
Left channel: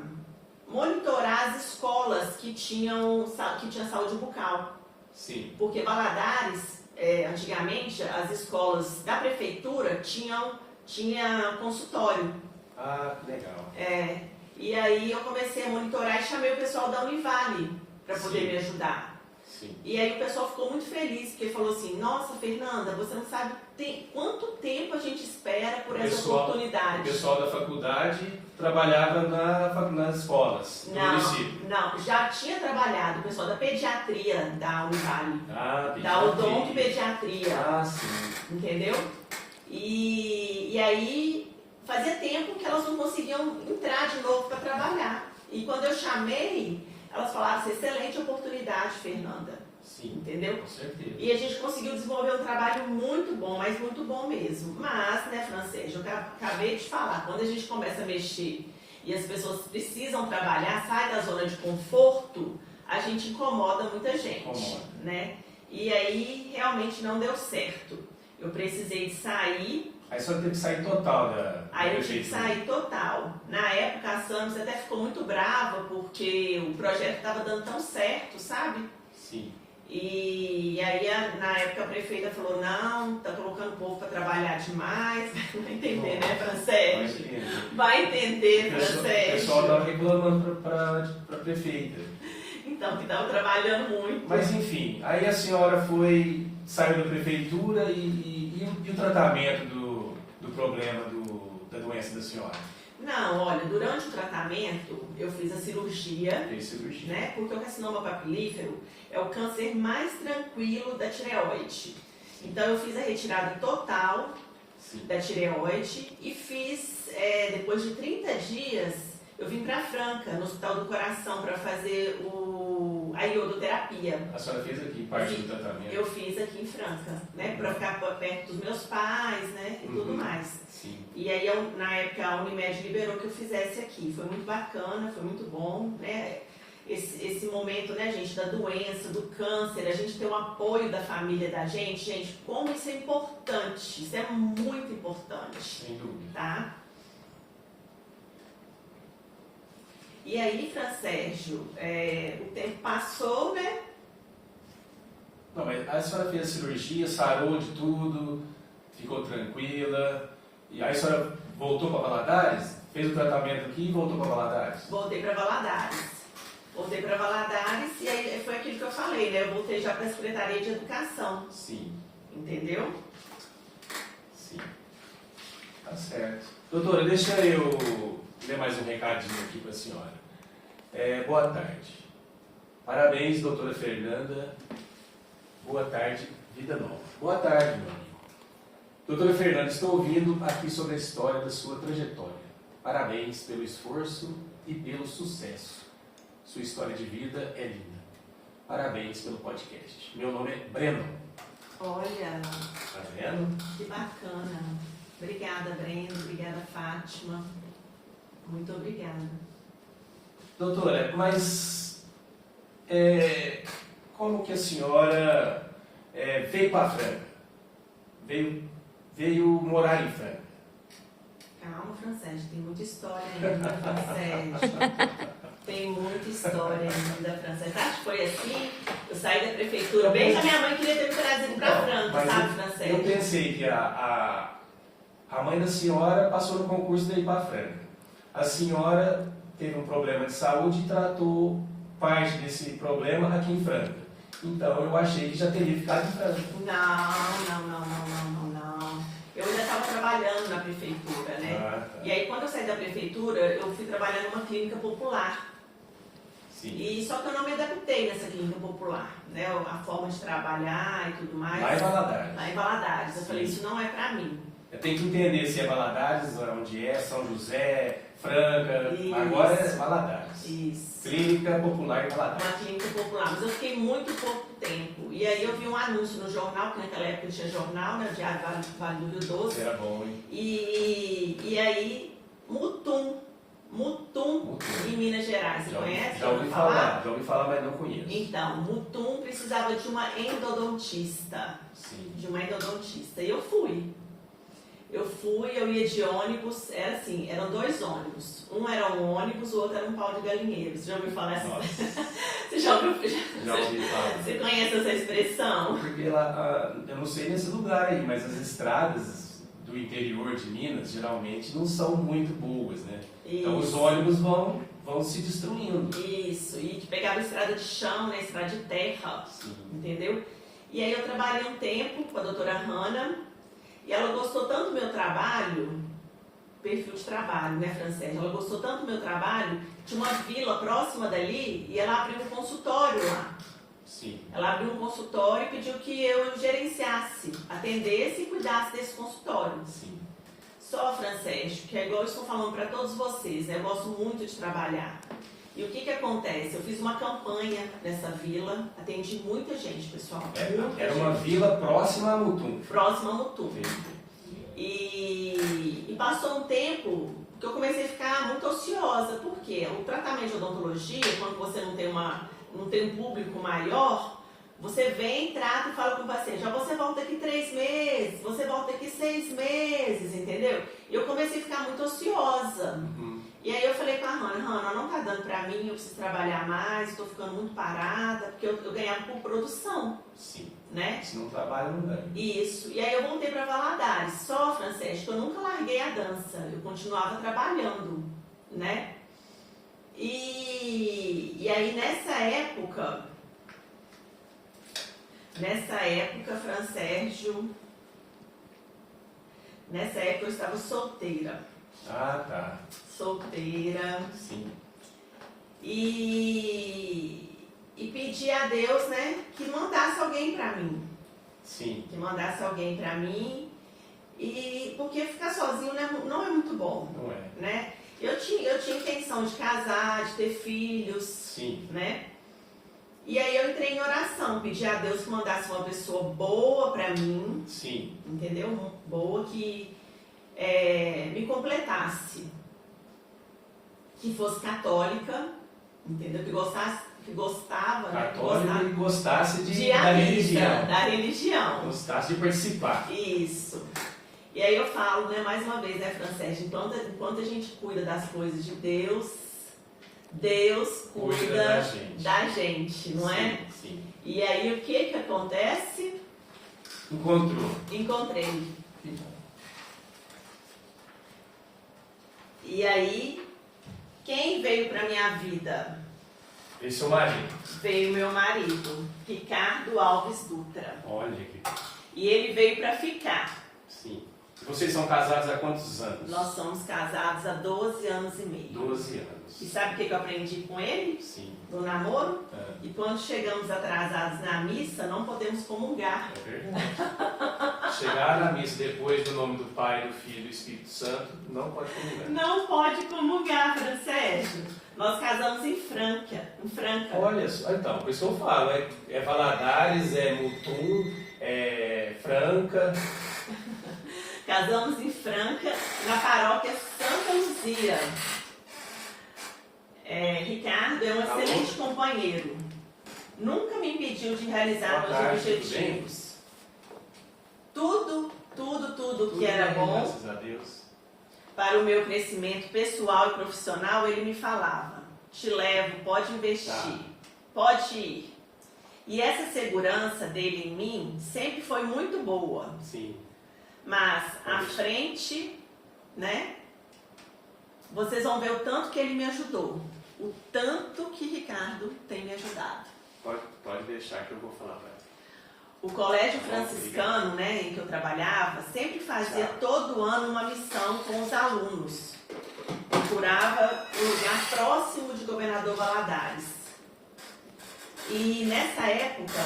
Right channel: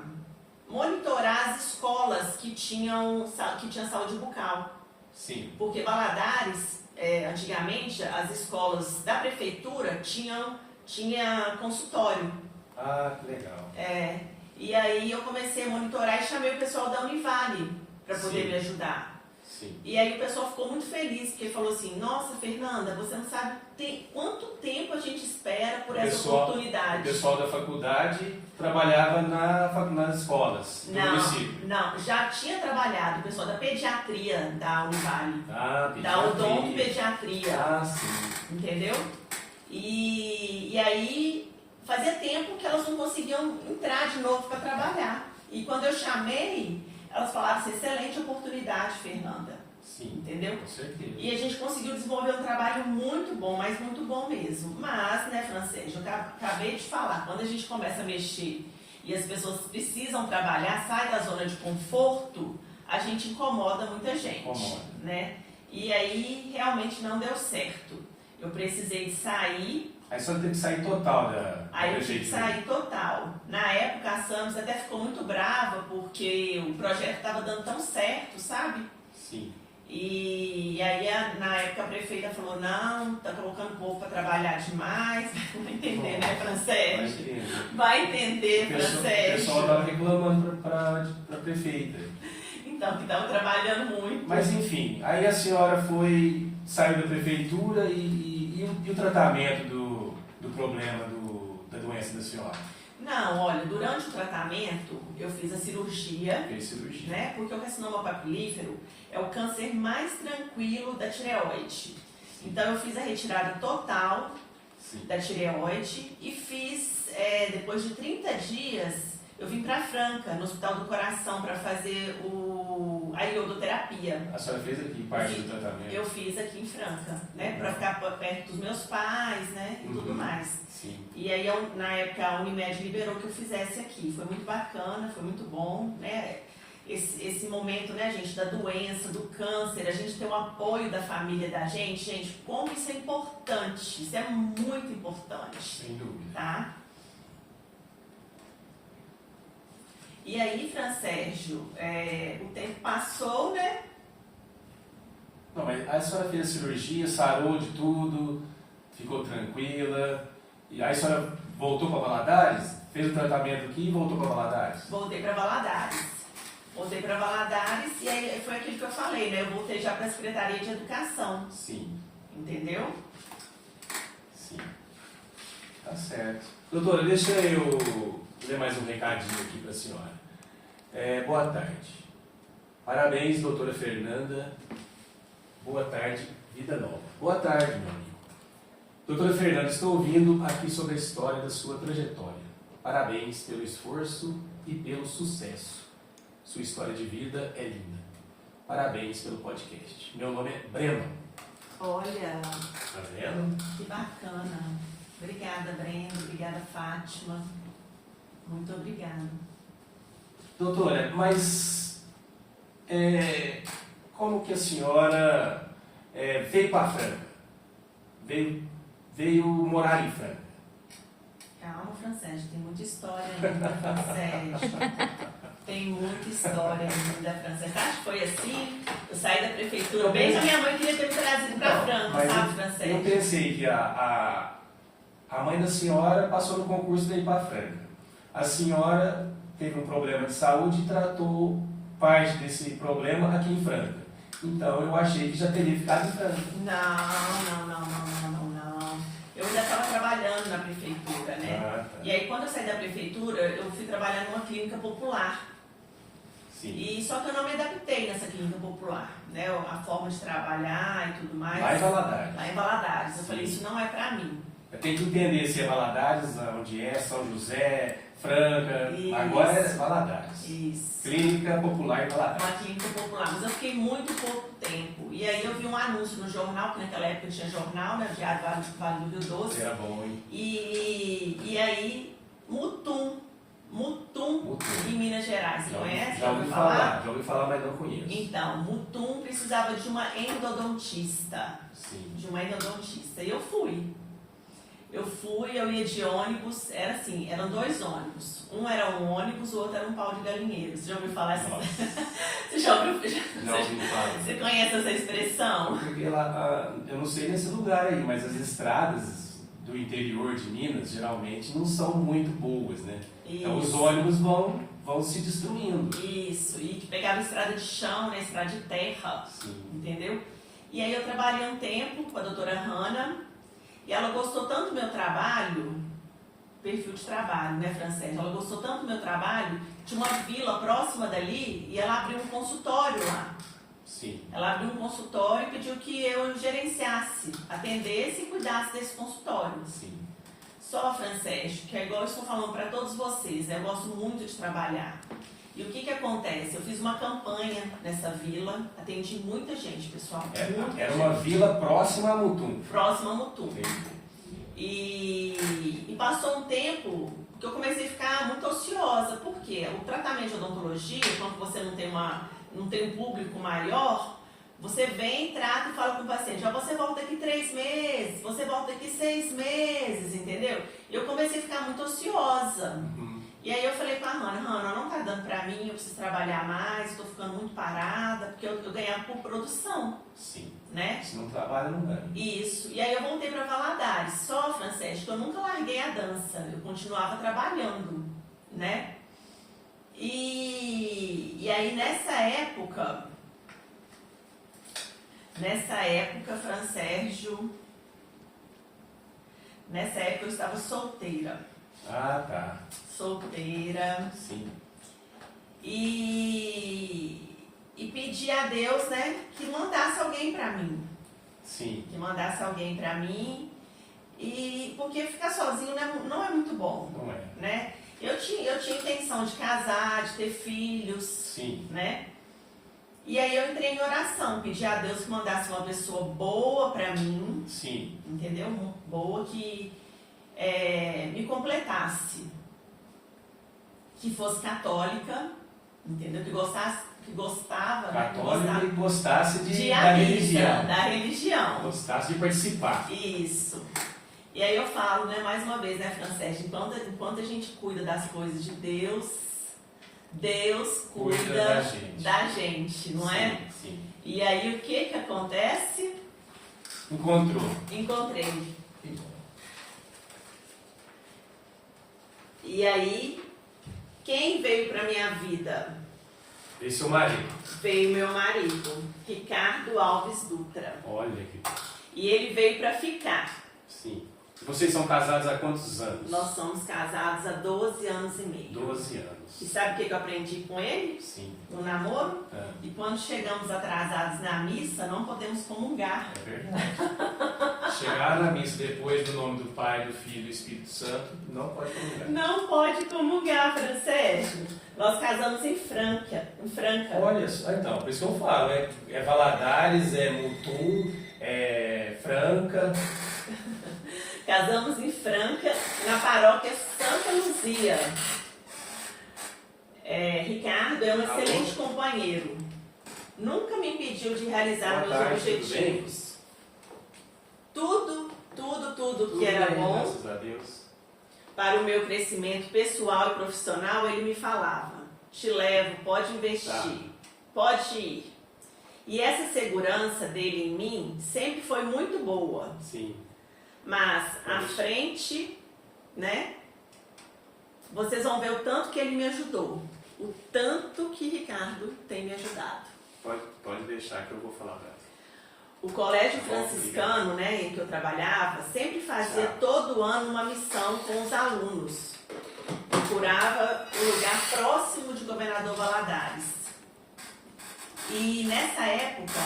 monitorar as escolas que tinham saúde bucal. Sim. Porque Valadares, antigamente, as escolas da prefeitura tinha consultório. Ah, que legal. E aí eu comecei a monitorar e chamei o pessoal da Univale para poder me ajudar. Sim. E aí o pessoal ficou muito feliz, porque falou assim, nossa, Fernanda, você não sabe quanto tempo a gente espera por essa oportunidade. O pessoal da faculdade trabalhava nas escolas do município? Não, já tinha trabalhado o pessoal da pediatria da Univale. Da odontopediatria. Ah, sim. Entendeu? E aí fazia tempo que elas não conseguiam entrar de novo para trabalhar. E quando eu chamei, elas falaram assim, excelente oportunidade, Fernanda. Sim, entendeu? Com certeza. E a gente conseguiu desenvolver um trabalho muito bom, mas muito bom mesmo. Mas, né, Francês, eu acabei de falar, quando a gente começa a mexer e as pessoas precisam trabalhar, sai da zona de conforto, a gente incomoda muita gente. Né? E aí, realmente não deu certo. Eu precisei de sair. Aí só teve que sair total da Aí eu tive que sair total. Na época, a Samis até ficou muito brava, porque o projeto estava dando tão certo, sabe? Sim. E aí, na época, a prefeita falou, não, tá colocando o povo para trabalhar demais. Vai entender, né, Francesc? Vai entender, Francesc. O pessoal estava reclamando para a prefeita. Então, que estava trabalhando muito. Mas, enfim, aí a senhora saiu da prefeitura e o tratamento do problema da doença da senhora? Não, olha, durante o tratamento eu fiz a cirurgia. Fez cirurgia. Né? Porque o carcinoma papilífero é o câncer mais tranquilo da tireoide. Então eu fiz a retirada total Sim. da tireoide e fiz, depois de 30 dias, eu vim para Franca, no Hospital do Coração, para fazer a iodoterapia. A senhora fez aqui parte do tratamento? Eu fiz aqui em Franca, né, para ficar perto dos meus pais, né, e tudo mais. Sim. E aí, na época, a Unimed liberou que eu fizesse aqui. Foi muito bacana, foi muito bom, né? Esse momento, né, gente, da doença, do câncer, a gente ter o apoio da família da gente, como isso é importante, isso é muito importante. Sem dúvida. Tá? E aí, Fransérgio, o tempo passou, né? Não, mas a senhora fez a cirurgia, sarou de tudo, ficou tranquila, e aí a senhora voltou para Valadares, fez o tratamento aqui e voltou para Valadares? Voltei para Valadares. E aí foi aquilo que eu falei, né? Eu voltei já para a Secretaria de Educação. Sim. Entendeu? Sim. Tá certo. Doutora, deixa eu ler mais um recadinho aqui para a senhora. Boa tarde. Parabéns, doutora Fernanda. Boa tarde, vida nova. Boa tarde, meu amigo. Doutora Fernanda, estou ouvindo aqui sobre a história da sua trajetória. Parabéns pelo esforço e pelo sucesso. Sua história de vida é linda. Parabéns pelo podcast. Meu nome é Breno. Olha, Tá vendo? que bacana. Obrigada, Breno. Obrigada, Fátima. Muito obrigada. Doutora, mas como que a senhora veio para Franca? Veio morar em Franca? Calma, Fransérgio, tem muita história ainda, Fransérgio. Tem muita história ainda, Fransérgio. Acho que foi assim, eu saí da prefeitura, bem que a minha mãe queria ter me trazido para Franca, sabe, Fransérgio? Eu pensei que a mãe da senhora passou no concurso de ir para Franca. A senhora teve um problema de saúde e tratou parte desse problema aqui em Franca. Então eu achei que já teria ficado em Franca. Não. Eu ainda estava trabalhando na prefeitura, né? Tá. E aí quando eu saí da prefeitura, eu fui trabalhar numa clínica popular. Sim. E só que eu não me adaptei nessa clínica popular, né? A forma de trabalhar e tudo mais. Lá em Valadares. Lá em Valadares. Eu Sim. falei, isso não é pra mim. Tem que entender se é Valadares, onde é, São José, Franca. Isso. Agora é Valadares. Isso. Clínica Popular em Valadares. Uma clínica popular. Mas eu fiquei muito pouco tempo. E aí eu vi um anúncio no jornal, que naquela época tinha jornal, né? O Diário Vale do Doce. Era bom, hein? E aí, Mutum, em Minas Gerais. Você conhece? Já ouvi falar, mas não conheço. Então, Mutum precisava de uma endodontista. Sim. E eu ia de ônibus, era assim, eram 2 ônibus. Um era um ônibus, o outro era um pau de galinheiro. Você já ouviu falar essa? Você já ouviu? Já ouvi falar. Você conhece essa expressão? Porque eu não sei nesse lugar aí, mas as estradas do interior de Minas geralmente não são muito boas, né? Isso. Então os ônibus vão se destruindo. Isso, e pegava estrada de chão, né, estrada de terra, Sim. entendeu? E aí eu trabalhei um tempo com a doutora Hanna, e ela gostou tanto do meu trabalho, perfil de trabalho, né, Francesa? Ela gostou tanto do meu trabalho, tinha uma vila próxima dali, e ela abriu um consultório lá. Sim. Ela abriu um consultório e pediu que eu gerenciasse, atendesse e cuidasse desse consultório. Sim. Só, Francesco, que é igual eu estou falando para todos vocês, né? Eu gosto muito de trabalhar. E o que acontece? Eu fiz uma campanha nessa vila, atendi muita gente, pessoal. Era uma vila próxima a Mutum. Próxima a Mutum. E passou um tempo que eu comecei a ficar muito ociosa. Por quê? O tratamento de odontologia, quando você não tem um público maior, você vem, trata e fala com o paciente, você volta daqui 3 meses, você volta daqui 6 meses, entendeu? E eu comecei a ficar muito ociosa. Uhum. E aí eu falei com a Hanna, não tá dando pra mim, eu preciso trabalhar mais, estou ficando muito parada, porque eu ganhava por produção. Sim. Né? Se não trabalha, não ganha. Isso. E aí eu voltei para Valadares. Só, Francesco, eu nunca larguei a dança. Eu continuava trabalhando, né? E aí nessa época, Fransérgio, nessa época eu estava solteira. Ah, tá. Solteira. Sim. E pedi a Deus, né, que mandasse alguém para mim. Sim. Que mandasse alguém para mim. E porque ficar sozinho não é muito bom. Não é. Né? Eu tinha intenção de casar, de ter filhos. Sim. Né? E aí eu entrei em oração, pedi a Deus que mandasse uma pessoa boa para mim. Sim. Entendeu? Boa que me completasse. Que fosse católica, entendeu? Que gostava, Católica, né? e gostasse da religião. Gostasse de participar. Isso. E aí eu falo, né, mais uma vez, né, Francesca, enquanto a gente cuida das coisas de Deus, Deus cuida da gente, não é? Sim. E aí o que acontece? Encontrei. E aí, quem veio para minha vida? Veio seu marido. Veio meu marido, Ricardo Alves Dutra. Olha que... E ele veio para ficar. Sim. E vocês são casados há quantos anos? Nós somos casados há 12 anos e meio. 12 anos. E sabe o que eu aprendi com ele? Sim. No namoro? É. E quando chegamos atrasados na missa, não podemos comungar. É verdade. Chegar na missa depois do nome do Pai, do Filho e do Espírito Santo, não pode comungar. Não pode comungar, Francesco. Nós casamos em Franca. Olha só, então, por isso que eu falo, é Valadares, é Mutum, é Franca. Casamos em Franca, na paróquia Santa Luzia. Ricardo é um excelente companheiro. Nunca me impediu de realizar meus objetivos. Tudo que era bom, graças a Deus, para o meu crescimento pessoal e profissional, ele me falava: te levo, pode investir, pode ir. E essa segurança dele em mim sempre foi muito boa. Sim. Mas à frente, né? Vocês vão ver o tanto que ele me ajudou. O tanto que Ricardo tem me ajudado. Pode deixar que eu vou falar para ele. O colégio franciscano, né, em que eu trabalhava, sempre fazia todo ano uma missão com os alunos. Procurava um lugar próximo de Governador Valadares. E nessa época,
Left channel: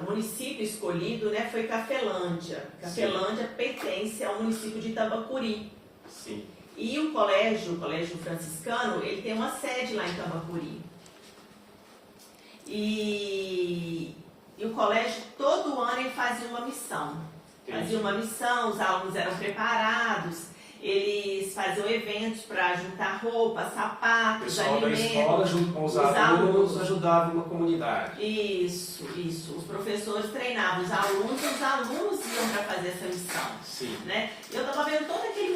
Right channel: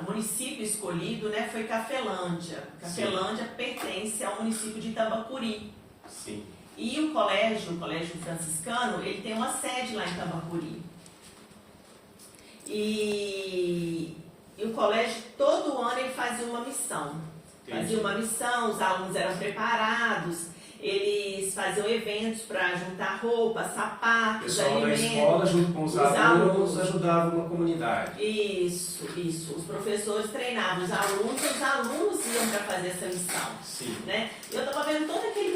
o município escolhido, né, foi Cafelândia. Cafelândia pertence ao município de Tambacuri. Sim. E o colégio franciscano, ele tem uma sede lá em Tambacuri. E o colégio, todo ano, ele fazia uma missão. Fazia uma missão, os alunos eram preparados, eles faziam eventos para juntar roupas, sapatos, o pessoal alimentos. Da escola, junto com os alunos, ajudavam na comunidade. Isso. Os professores treinavam os alunos iam para fazer essa missão. Sim. Né? Eu estava vendo todo aquele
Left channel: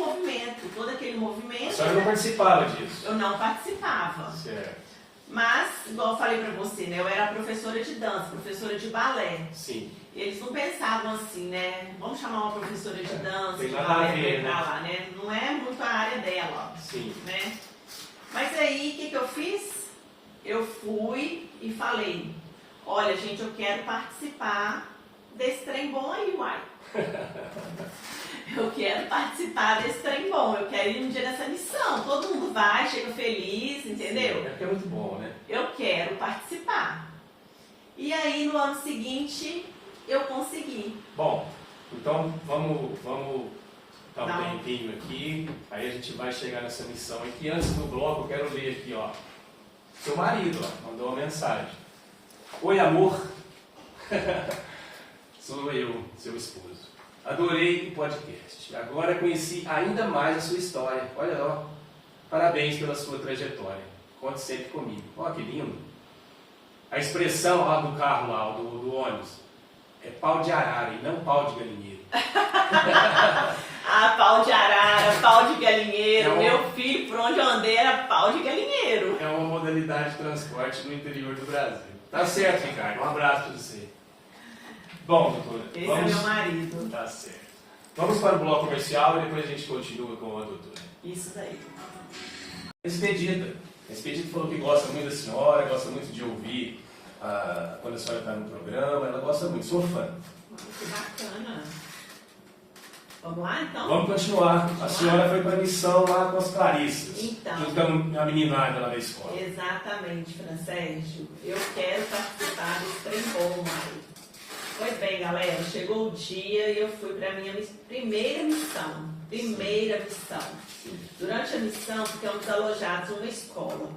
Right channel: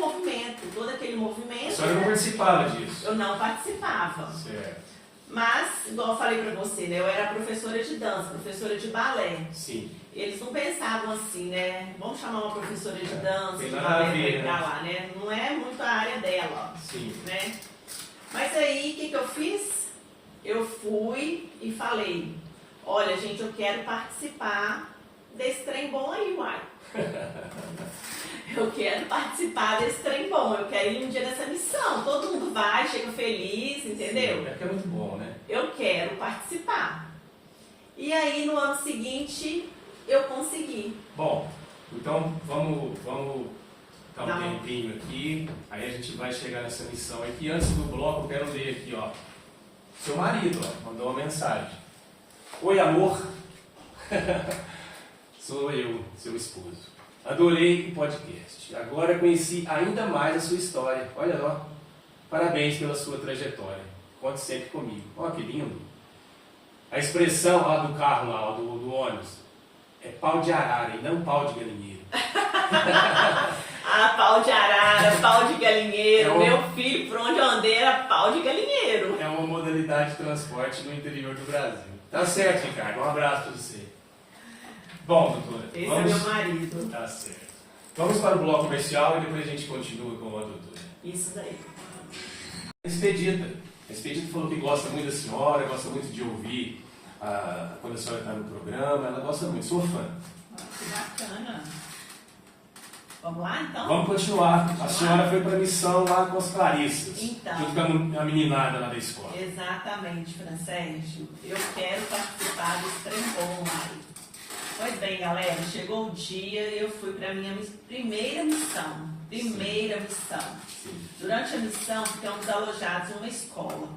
movimento. A senhora não participava disso? Eu não participava. Certo. Mas, igual eu falei para você, né? Eu era professora de dança, professora de balé. Sim. Eles não pensavam assim, né? Vamos chamar uma professora de dança, Tem de nada balé a ver, para lá, né? Não é muito a área dela. Sim. Né? Mas aí, o que eu fiz? Eu fui e falei: olha, gente, eu quero participar desse trem bom aí, uai. Eu quero participar desse trem bom, eu quero ir um dia nessa missão. Todo mundo vai, chega feliz, entendeu? Sim, é muito bom, né? Eu quero participar. E aí, no ano seguinte, eu consegui. Bom, então vamos dar um tempinho aqui, aí a gente vai chegar nessa missão aqui. Antes do bloco, eu quero ler aqui, ó. Seu marido, ó, mandou uma mensagem. Oi, amor. Sou eu, seu esposo. Adorei o podcast. Agora conheci ainda mais a sua história. Olha lá. Parabéns pela sua trajetória. Conte sempre comigo. Olha que lindo. A expressão lá do carro, lá, do ônibus, é pau de arara e não pau de galinheiro. Pau de arara, pau de galinheiro. Meu filho, por onde eu andei, era pau de galinheiro. É uma modalidade de transporte no interior do Brasil. Tá certo, Ricardo. Um abraço para você. Bom, doutora. Esse é meu marido. Tá certo. Vamos para o bloco comercial e depois a gente continua com a doutora. Isso daí. Expedita. A Expedita falou que gosta muito da senhora, gosta muito de ouvir quando a senhora está no programa. Ela gosta muito. Sou fã. Que bacana. Vamos lá, então? Vamos continuar. A senhora foi para a missão lá com as Clarissas. Então. Junto com a meninada lá da escola. Exatamente, Francesco. Eu quero participar desse trem bom, Mário. Pois bem, galera, chegou o dia e eu fui para a minha primeira missão. Primeira missão. Durante a missão, ficamos alojados em uma escola.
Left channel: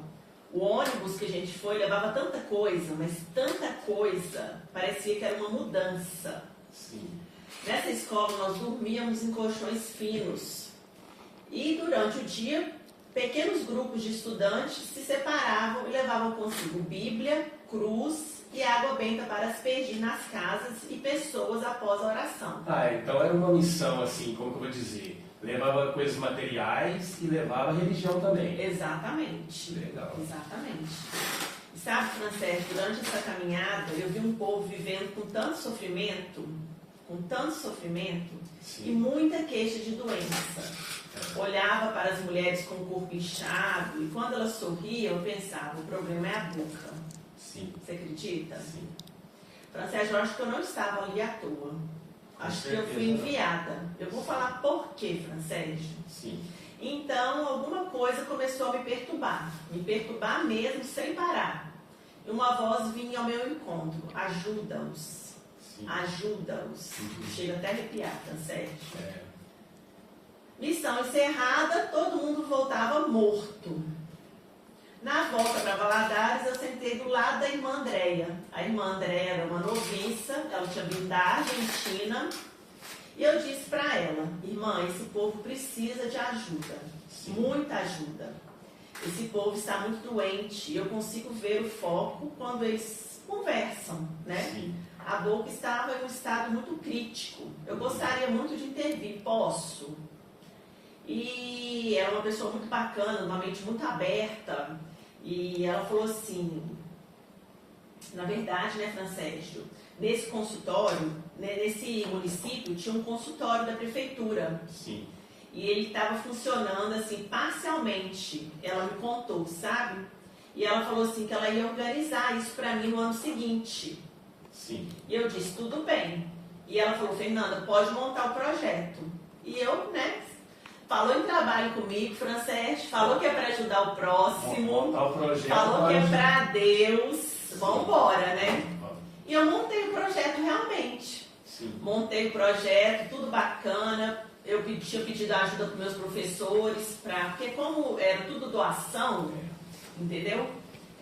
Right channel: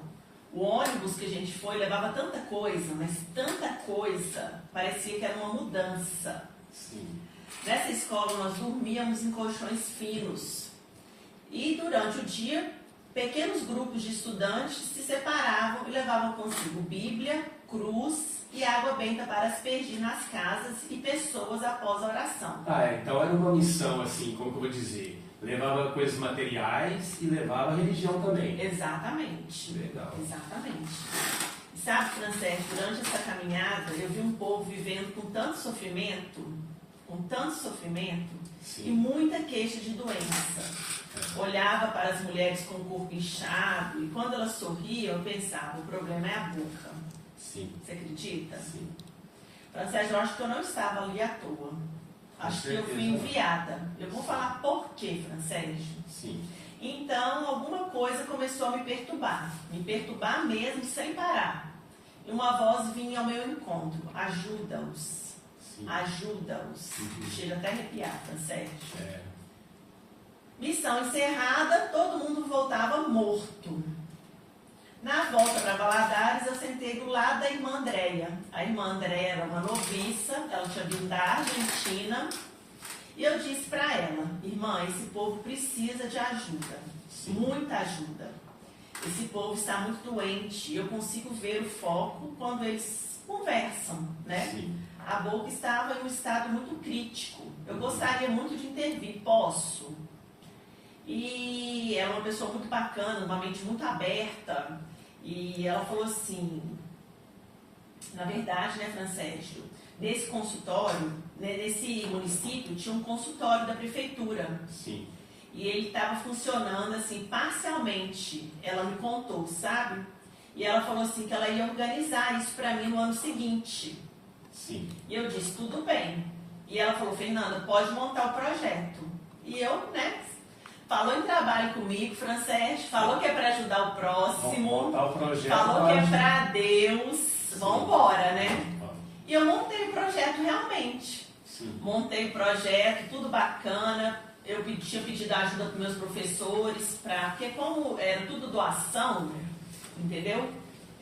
O ônibus que a gente foi levava tanta coisa, mas tanta coisa, parecia que era uma mudança. Sim. Nessa escola nós dormíamos em colchões finos. E durante o dia, pequenos grupos de estudantes se separavam e levavam consigo Bíblia, cruz e água benta para aspergir nas casas e pessoas após a oração. Então era uma missão assim, como que eu vou dizer? Levava coisas materiais e levava religião também. Exatamente. Legal. Exatamente. E sabe, Francesc, durante essa caminhada eu vi um povo vivendo com tanto sofrimento Sim. e muita queixa de doença. Olhava para as mulheres com o corpo inchado e quando elas sorriam eu pensava, o problema é a boca. Sim. Você acredita? Sim. Francesc, eu acho que eu não estava ali à toa. Acho que eu fui enviada. Eu vou falar por quê, Francesc. Sim. Então, alguma coisa começou a me perturbar mesmo, sem parar. E uma voz vinha ao meu encontro, ajuda-os, ajuda-os. Chega até a arrepiar, Francesc. Missão encerrada, todo mundo voltava morto. Na volta para Valadares, eu sentei do lado da irmã Andréia. A irmã Andréia era uma noviça, ela tinha vindo da Argentina. E eu disse para ela, irmã, esse povo precisa de ajuda, muita ajuda. Esse povo está muito doente e eu consigo ver o foco quando eles conversam, né? Sim. A boca estava em um estado muito crítico. Eu gostaria muito de intervir, posso? E ela é uma pessoa muito bacana, uma mente muito aberta. E ela falou assim, na verdade, né, Francésio, nesse consultório, né, nesse município, tinha um consultório da prefeitura. Sim. E ele estava funcionando assim, parcialmente. Ela me contou, sabe? E ela falou assim que ela ia organizar isso para mim no ano seguinte. Sim. E eu disse, tudo bem. E ela falou, Fernanda, pode montar o projeto. E eu, né, falou em trabalho comigo, Francesc, falou que é para ajudar o próximo. Montar o projeto. Falou que é para Deus. Vamos embora, né? E eu montei o projeto realmente. Sim. Montei o projeto, tudo bacana. Eu tinha pedido ajuda para meus professores, porque como era tudo doação, entendeu?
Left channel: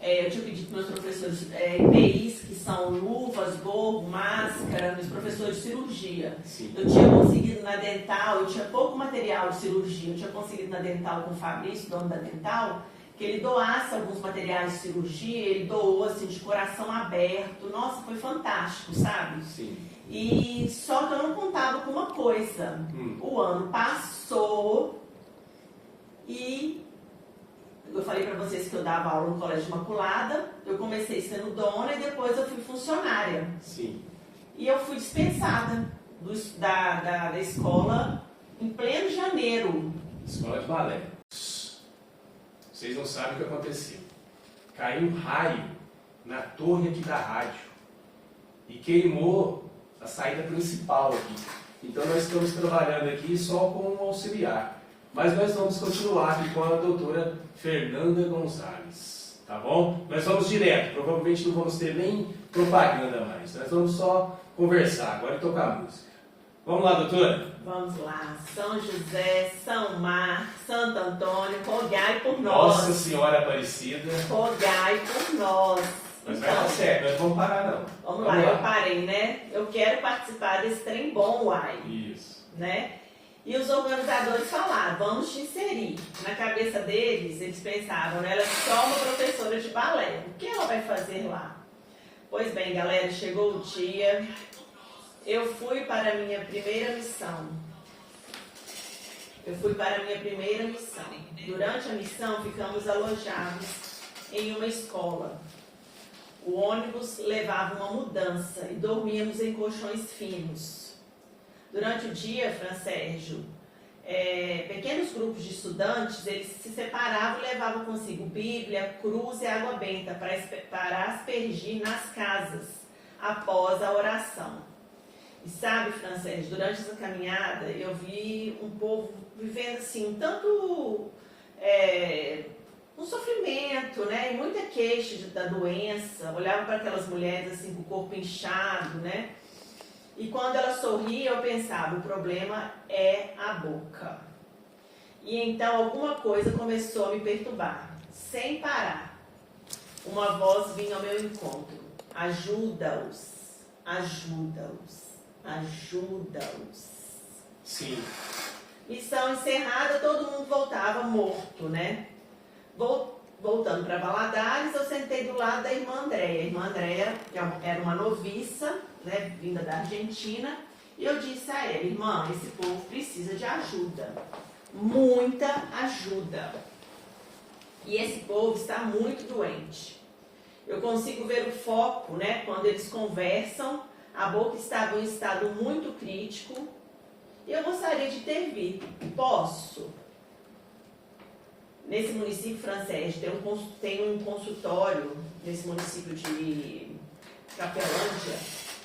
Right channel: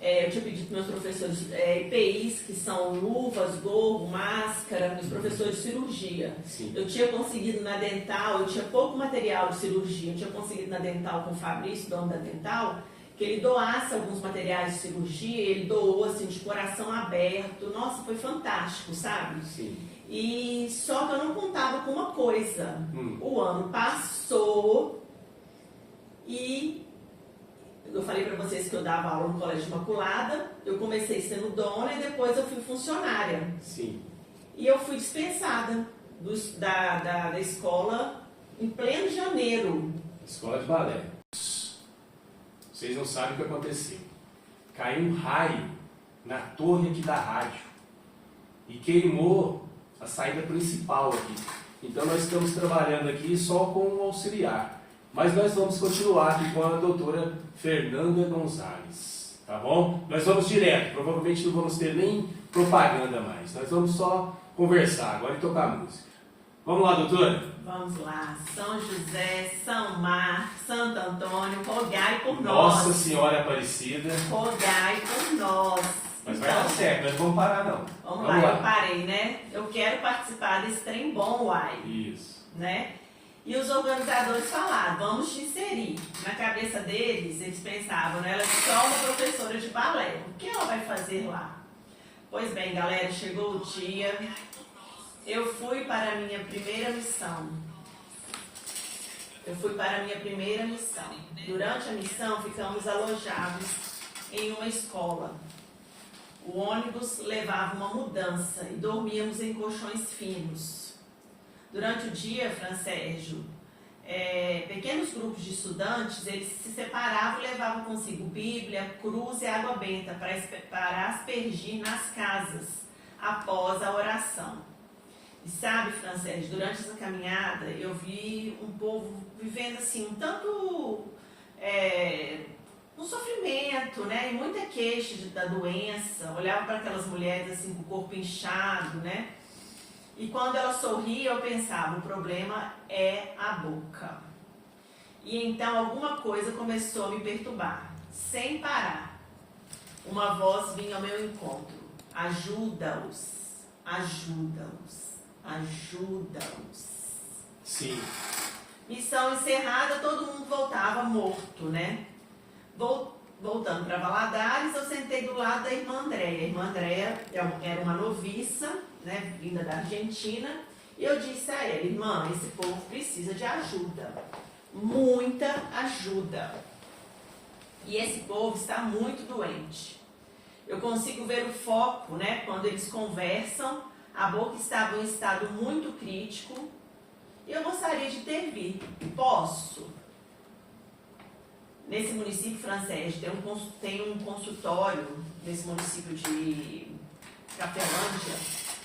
Eu tinha pedido para meus professores EPIs, que são luvas, gorro, máscara, meus professores de cirurgia. Sim. Eu tinha conseguido na Dental, eu tinha pouco material de cirurgia, eu tinha conseguido na Dental com o Fabrício, dono da Dental, que ele doasse alguns materiais de cirurgia, ele doou assim, de coração aberto. Nossa, foi fantástico, sabe? Sim. E só que eu não contava com uma coisa. O ano passou e eu falei para vocês que eu dava aula no Colégio Imaculada. Eu comecei sendo dona e depois eu fui funcionária. Sim. E eu fui dispensada da escola em pleno janeiro. Escola de balé. Vocês não sabem o que aconteceu. Caiu um raio na torre aqui da rádio e queimou a saída principal aqui. Então nós estamos trabalhando aqui só com um auxiliar. Mas nós vamos continuar aqui com a doutora Fernanda Gonzalez. Tá bom? Nós vamos direto. Provavelmente não vamos ter nem propaganda mais. Nós vamos só conversar agora e tocar música. Vamos lá, doutora? Vamos lá. São José, São Mar, Santo Antônio, rogai por nós. Nossa Senhora Aparecida. Rogai por nós. Mas vai dar certo, nós não vamos parar não. Vamos lá, eu parei, né? Eu quero participar desse trem bom, uai. Isso. Né? E os organizadores falaram, vamos te inserir. Na cabeça deles, eles pensavam, né? Ela é só uma professora de balé. O que ela vai fazer lá? Pois bem, galera, chegou o dia. Eu fui para a minha primeira missão. Durante a missão, ficamos alojados em uma escola. O ônibus levava uma mudança e dormíamos em colchões finos. Durante o dia, Francésio, pequenos grupos de estudantes, eles se separavam e levavam consigo Bíblia, cruz e água benta para aspergir nas casas após a oração. E sabe, Francesc, durante essa caminhada eu vi um povo vivendo assim, tanto um sofrimento, né, e muita queixa da doença. Olhava para aquelas mulheres assim com o corpo inchado, né? E quando ela sorria, eu pensava, o problema é a boca. E então alguma coisa começou a me perturbar, sem parar. Uma voz vinha ao meu encontro. Ajuda-os, ajuda-os, ajuda-os. Sim. Missão encerrada, todo mundo voltava morto, né? Voltando para Valadares, eu sentei do lado da irmã Andréia. A irmã Andréia era uma noviça, né, vinda da Argentina, e eu disse a ela, irmã, esse povo precisa de ajuda, muita ajuda. E esse povo está muito doente. Eu consigo ver o foco, né, quando eles conversam, a boca estava em um estado muito crítico, e eu gostaria de intervir. Posso? Nesse município francês, tem um consultório, nesse município de Cafelândia,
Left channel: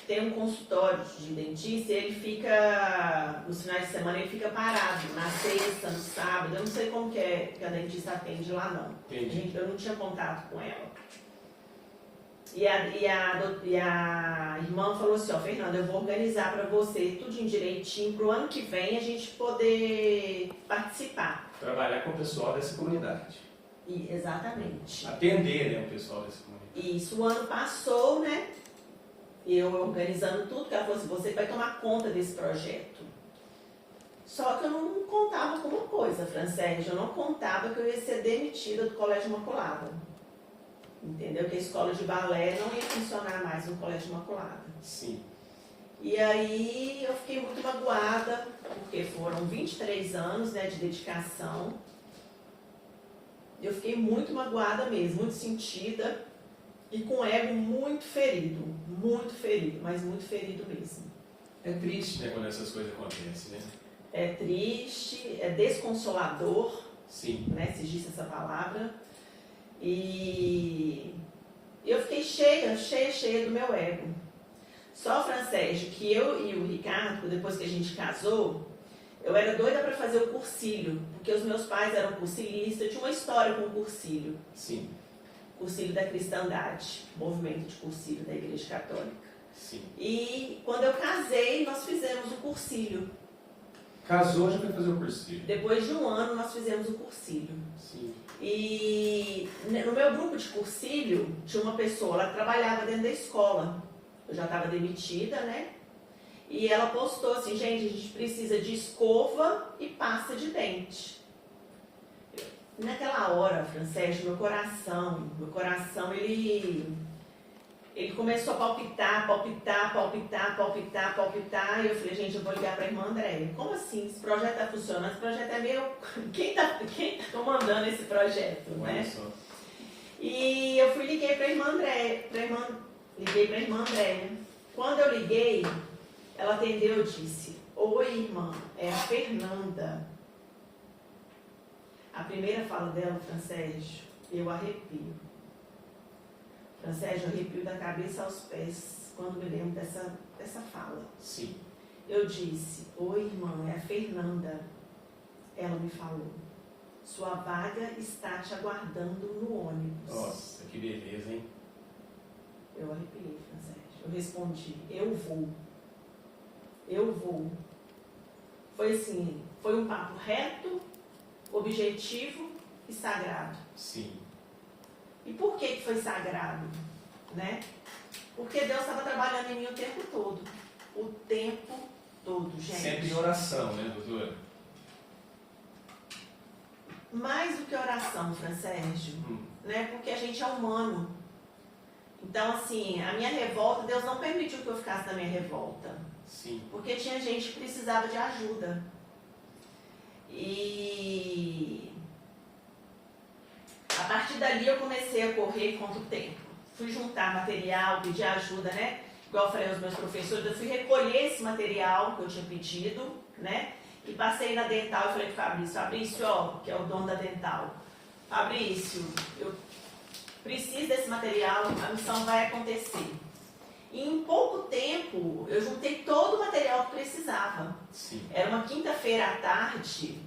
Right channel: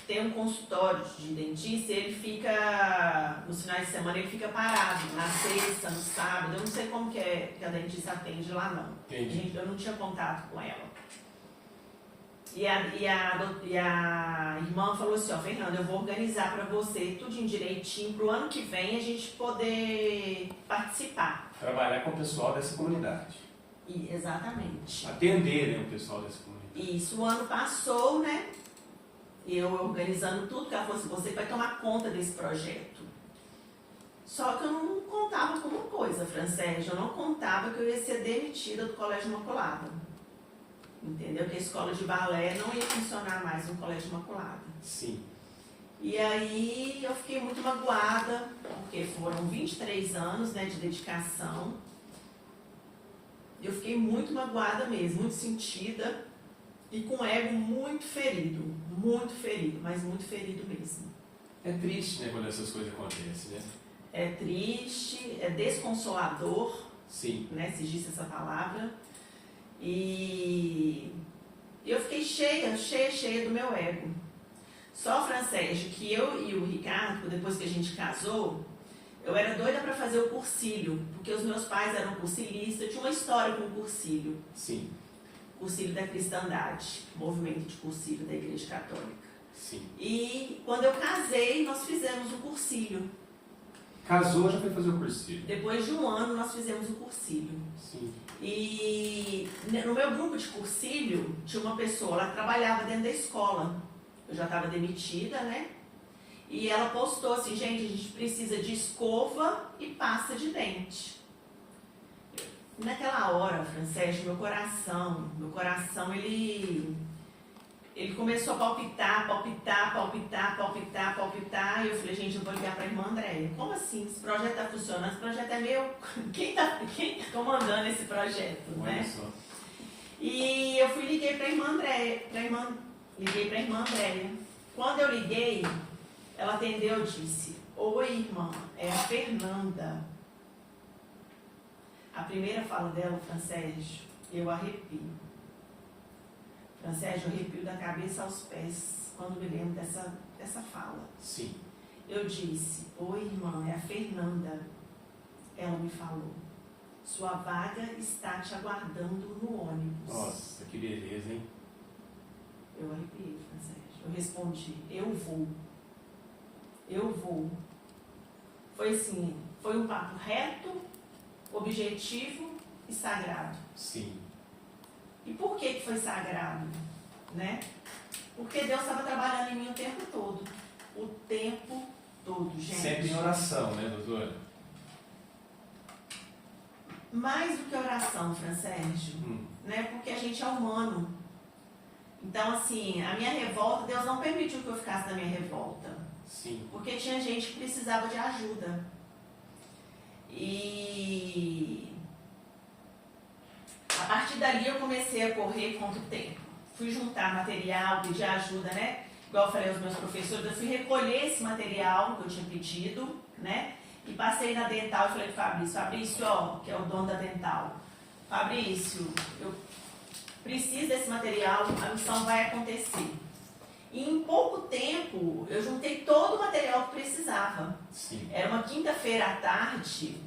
tem um consultório de dentista, e ele fica, nos finais de semana, ele fica parado, na sexta, no sábado, eu não sei como que a dentista atende lá não. Entendi. Eu não tinha contato com ela. E a irmã falou assim, ó, Fernanda, eu vou organizar para você tudinho direitinho, pro ano que vem a gente poder participar. Trabalhar com o pessoal dessa comunidade. Exatamente. Atender, né, o pessoal dessa comunidade. Isso, o ano passou, né? Eu organizando tudo, que ela falou assim, você vai tomar conta desse projeto. Só que eu não contava com uma coisa, Francérgio, eu não contava que eu ia ser demitida do Colégio Imaculada. Entendeu? Que a escola de balé não ia funcionar mais no Colégio Imaculada. Sim. E aí eu fiquei muito magoada, porque foram 23 anos, né, de dedicação. Eu fiquei muito magoada mesmo, muito sentida e com o ego muito ferido, mas muito ferido mesmo. É triste, né, quando essas coisas acontecem, né? É triste, é desconsolador, Sim. né, se diz essa palavra. E eu fiquei cheia do meu ego. Só, Francérgio, que eu e o Ricardo, depois que a gente casou, eu era doida para fazer o cursilho, porque os meus pais eram cursilistas, eu tinha uma história com o cursilho. Sim. Cursilho da Cristandade, movimento de cursilho da Igreja Católica. Sim. E quando eu casei, nós fizemos o cursilho. Casou, já foi fazer o cursilho. Depois de um ano, nós fizemos o cursilho. Sim. E no meu grupo de cursilho, tinha uma pessoa, ela trabalhava dentro da escola. Eu já estava demitida, né? E ela postou assim, gente, a gente precisa de escova e pasta de dente. E naquela hora, Francérgio, meu coração, ele começou a palpitar. E eu falei, gente, eu vou ligar para a irmã Andréia. Como assim? Esse projeto está funcionando? Esse projeto é meu. Quem tá comandando esse projeto, né? Só. E eu liguei para a irmã Andréia. Liguei para a irmã Andréia. Quando eu liguei, ela atendeu e disse, oi, irmã, é a Fernanda. A primeira fala dela, Francérgio, eu arrepio. Francérgio, eu arrepio da cabeça aos pés quando me lembro dessa fala. Sim. Eu disse, oi, irmã, é a Fernanda. Ela me falou, sua vaga está te aguardando no ônibus. Nossa, que beleza, hein? Eu arrepiei, Francérgio. Eu respondi, eu vou. Eu vou. Foi assim, foi um papo reto, objetivo e sagrado. Sim. E por que foi sagrado? Né? Porque Deus estava trabalhando em mim o tempo todo. O tempo todo, gente. Sempre em oração, né, doutora? Mais do que oração, Francérgio, né? Porque a gente é humano. Então, assim, a minha revolta, Deus não permitiu que eu ficasse na minha revolta. Sim. Porque tinha gente que precisava de ajuda. E a partir dali eu comecei a correr contra o tempo. Fui juntar material, pedir ajuda, né? Igual eu falei aos meus professores, eu fui recolher esse material que eu tinha pedido, né? E passei na Dental e falei para o Fabrício, ó, que é o dono da Dental, Fabrício, eu preciso desse material, a missão vai acontecer. E em pouco tempo, eu juntei todo o material que precisava. Sim. Era uma quinta-feira à tarde,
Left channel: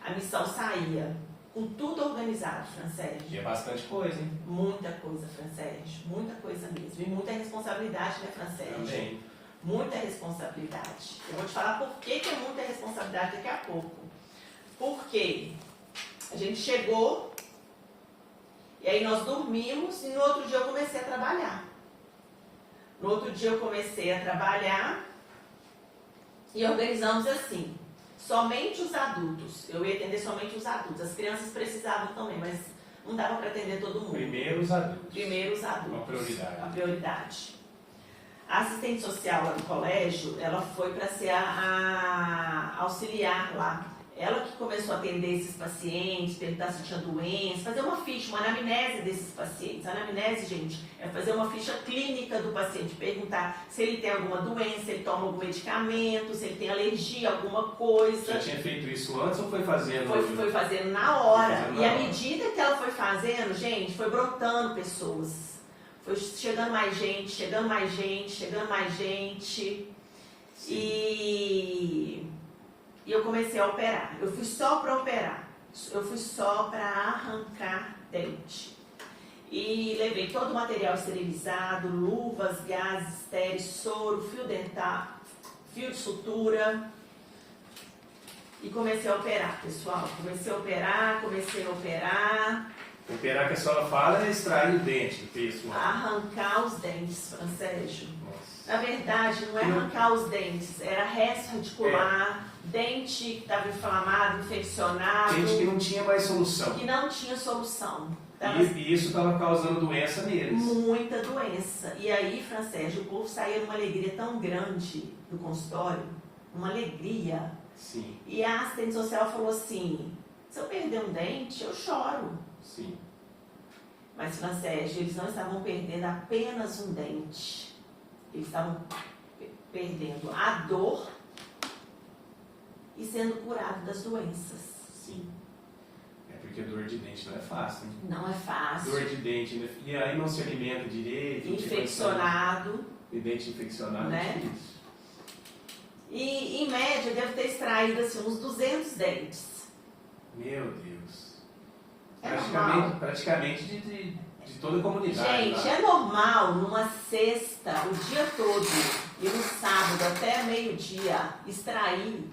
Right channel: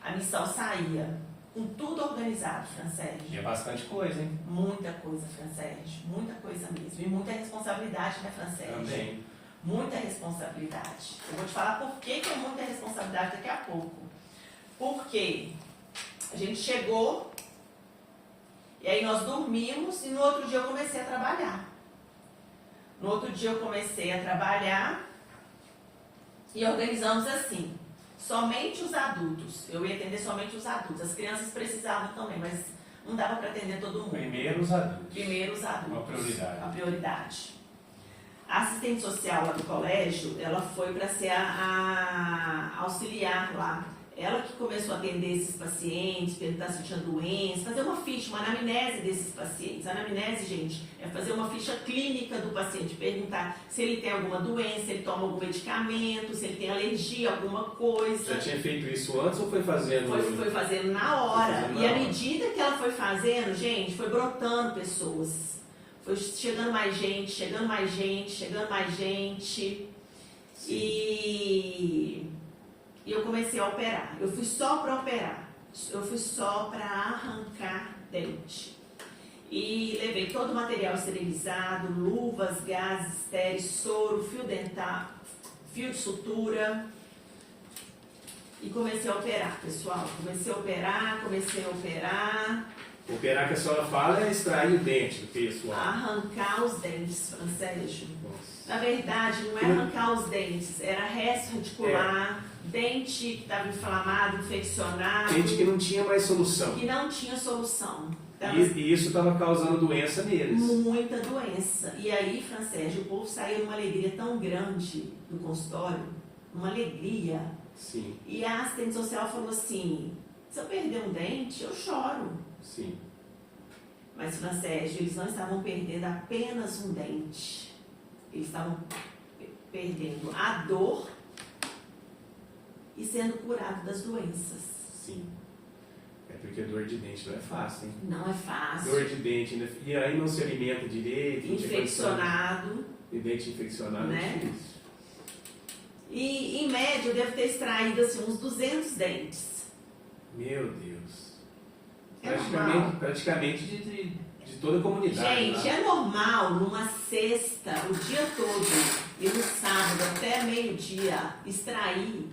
a missão saía, com tudo organizado, Francérgio. E é bastante coisa, hein? Muita coisa, Francérgio, muita coisa mesmo. E muita responsabilidade, né, Francérgio? Também. Muita responsabilidade. Eu vou te falar por que é muita responsabilidade daqui a pouco. Porque a gente chegou, e aí nós dormimos, e no outro dia eu comecei a trabalhar. No outro dia eu comecei a trabalhar e organizamos assim, somente os adultos. Eu ia atender somente os adultos. As crianças precisavam também, mas não dava para atender todo mundo. Primeiro os adultos. Primeiro os adultos. Uma prioridade. Uma prioridade. A assistente social lá do colégio, ela foi para ser a auxiliar lá. Ela que começou a atender esses pacientes, perguntar se tinha doença, fazer uma ficha, uma anamnese desses pacientes. A anamnese, gente, é fazer uma ficha clínica do paciente, perguntar se ele tem alguma doença, se ele toma algum medicamento, se ele tem alergia a alguma coisa. Já tinha feito isso antes ou foi fazendo? Foi fazendo na hora. Fazendo E à hora. medida que ela foi fazendo, gente, foi brotando pessoas. Foi chegando mais gente, chegando mais gente, chegando mais gente. E eu comecei a operar. Eu fui só para operar. Eu fui só para arrancar dente. E levei todo o material esterilizado, luvas, gases estéreis, soro, fio dental, fio de sutura. E comecei a operar, pessoal. Comecei a operar. Operar que a senhora fala é extrair o dente do pessoal. Arrancar os dentes, Francésio. Nossa. Na verdade, não é arrancar os dentes, era resto radicular, dente que estava inflamado, infeccionado. Dente que não tinha mais solução. Que não tinha solução. E isso estava causando doença neles. Muita doença. E aí, Francésio, o povo saiu numa alegria tão grande do consultório, uma alegria. Sim. E a assistente social falou assim, se eu perder um dente, eu choro. Sim. Mas, Francésio, eles não estavam perdendo apenas um dente. Eles estavam perdendo a dor e sendo curados das doenças. Sim. É porque dor de dente não é fácil, hein? Não é fácil. Dor de dente, né? E aí não se alimenta direito. Infeccionado. E dente infeccionado, né? é difícil. E, em média, eu devo ter extraído assim, uns 200 dentes. Meu Deus. É normal. Praticamente de toda a comunidade. Gente, lá. é normal numa sexta, o dia todo, e no sábado até meio-dia, extrair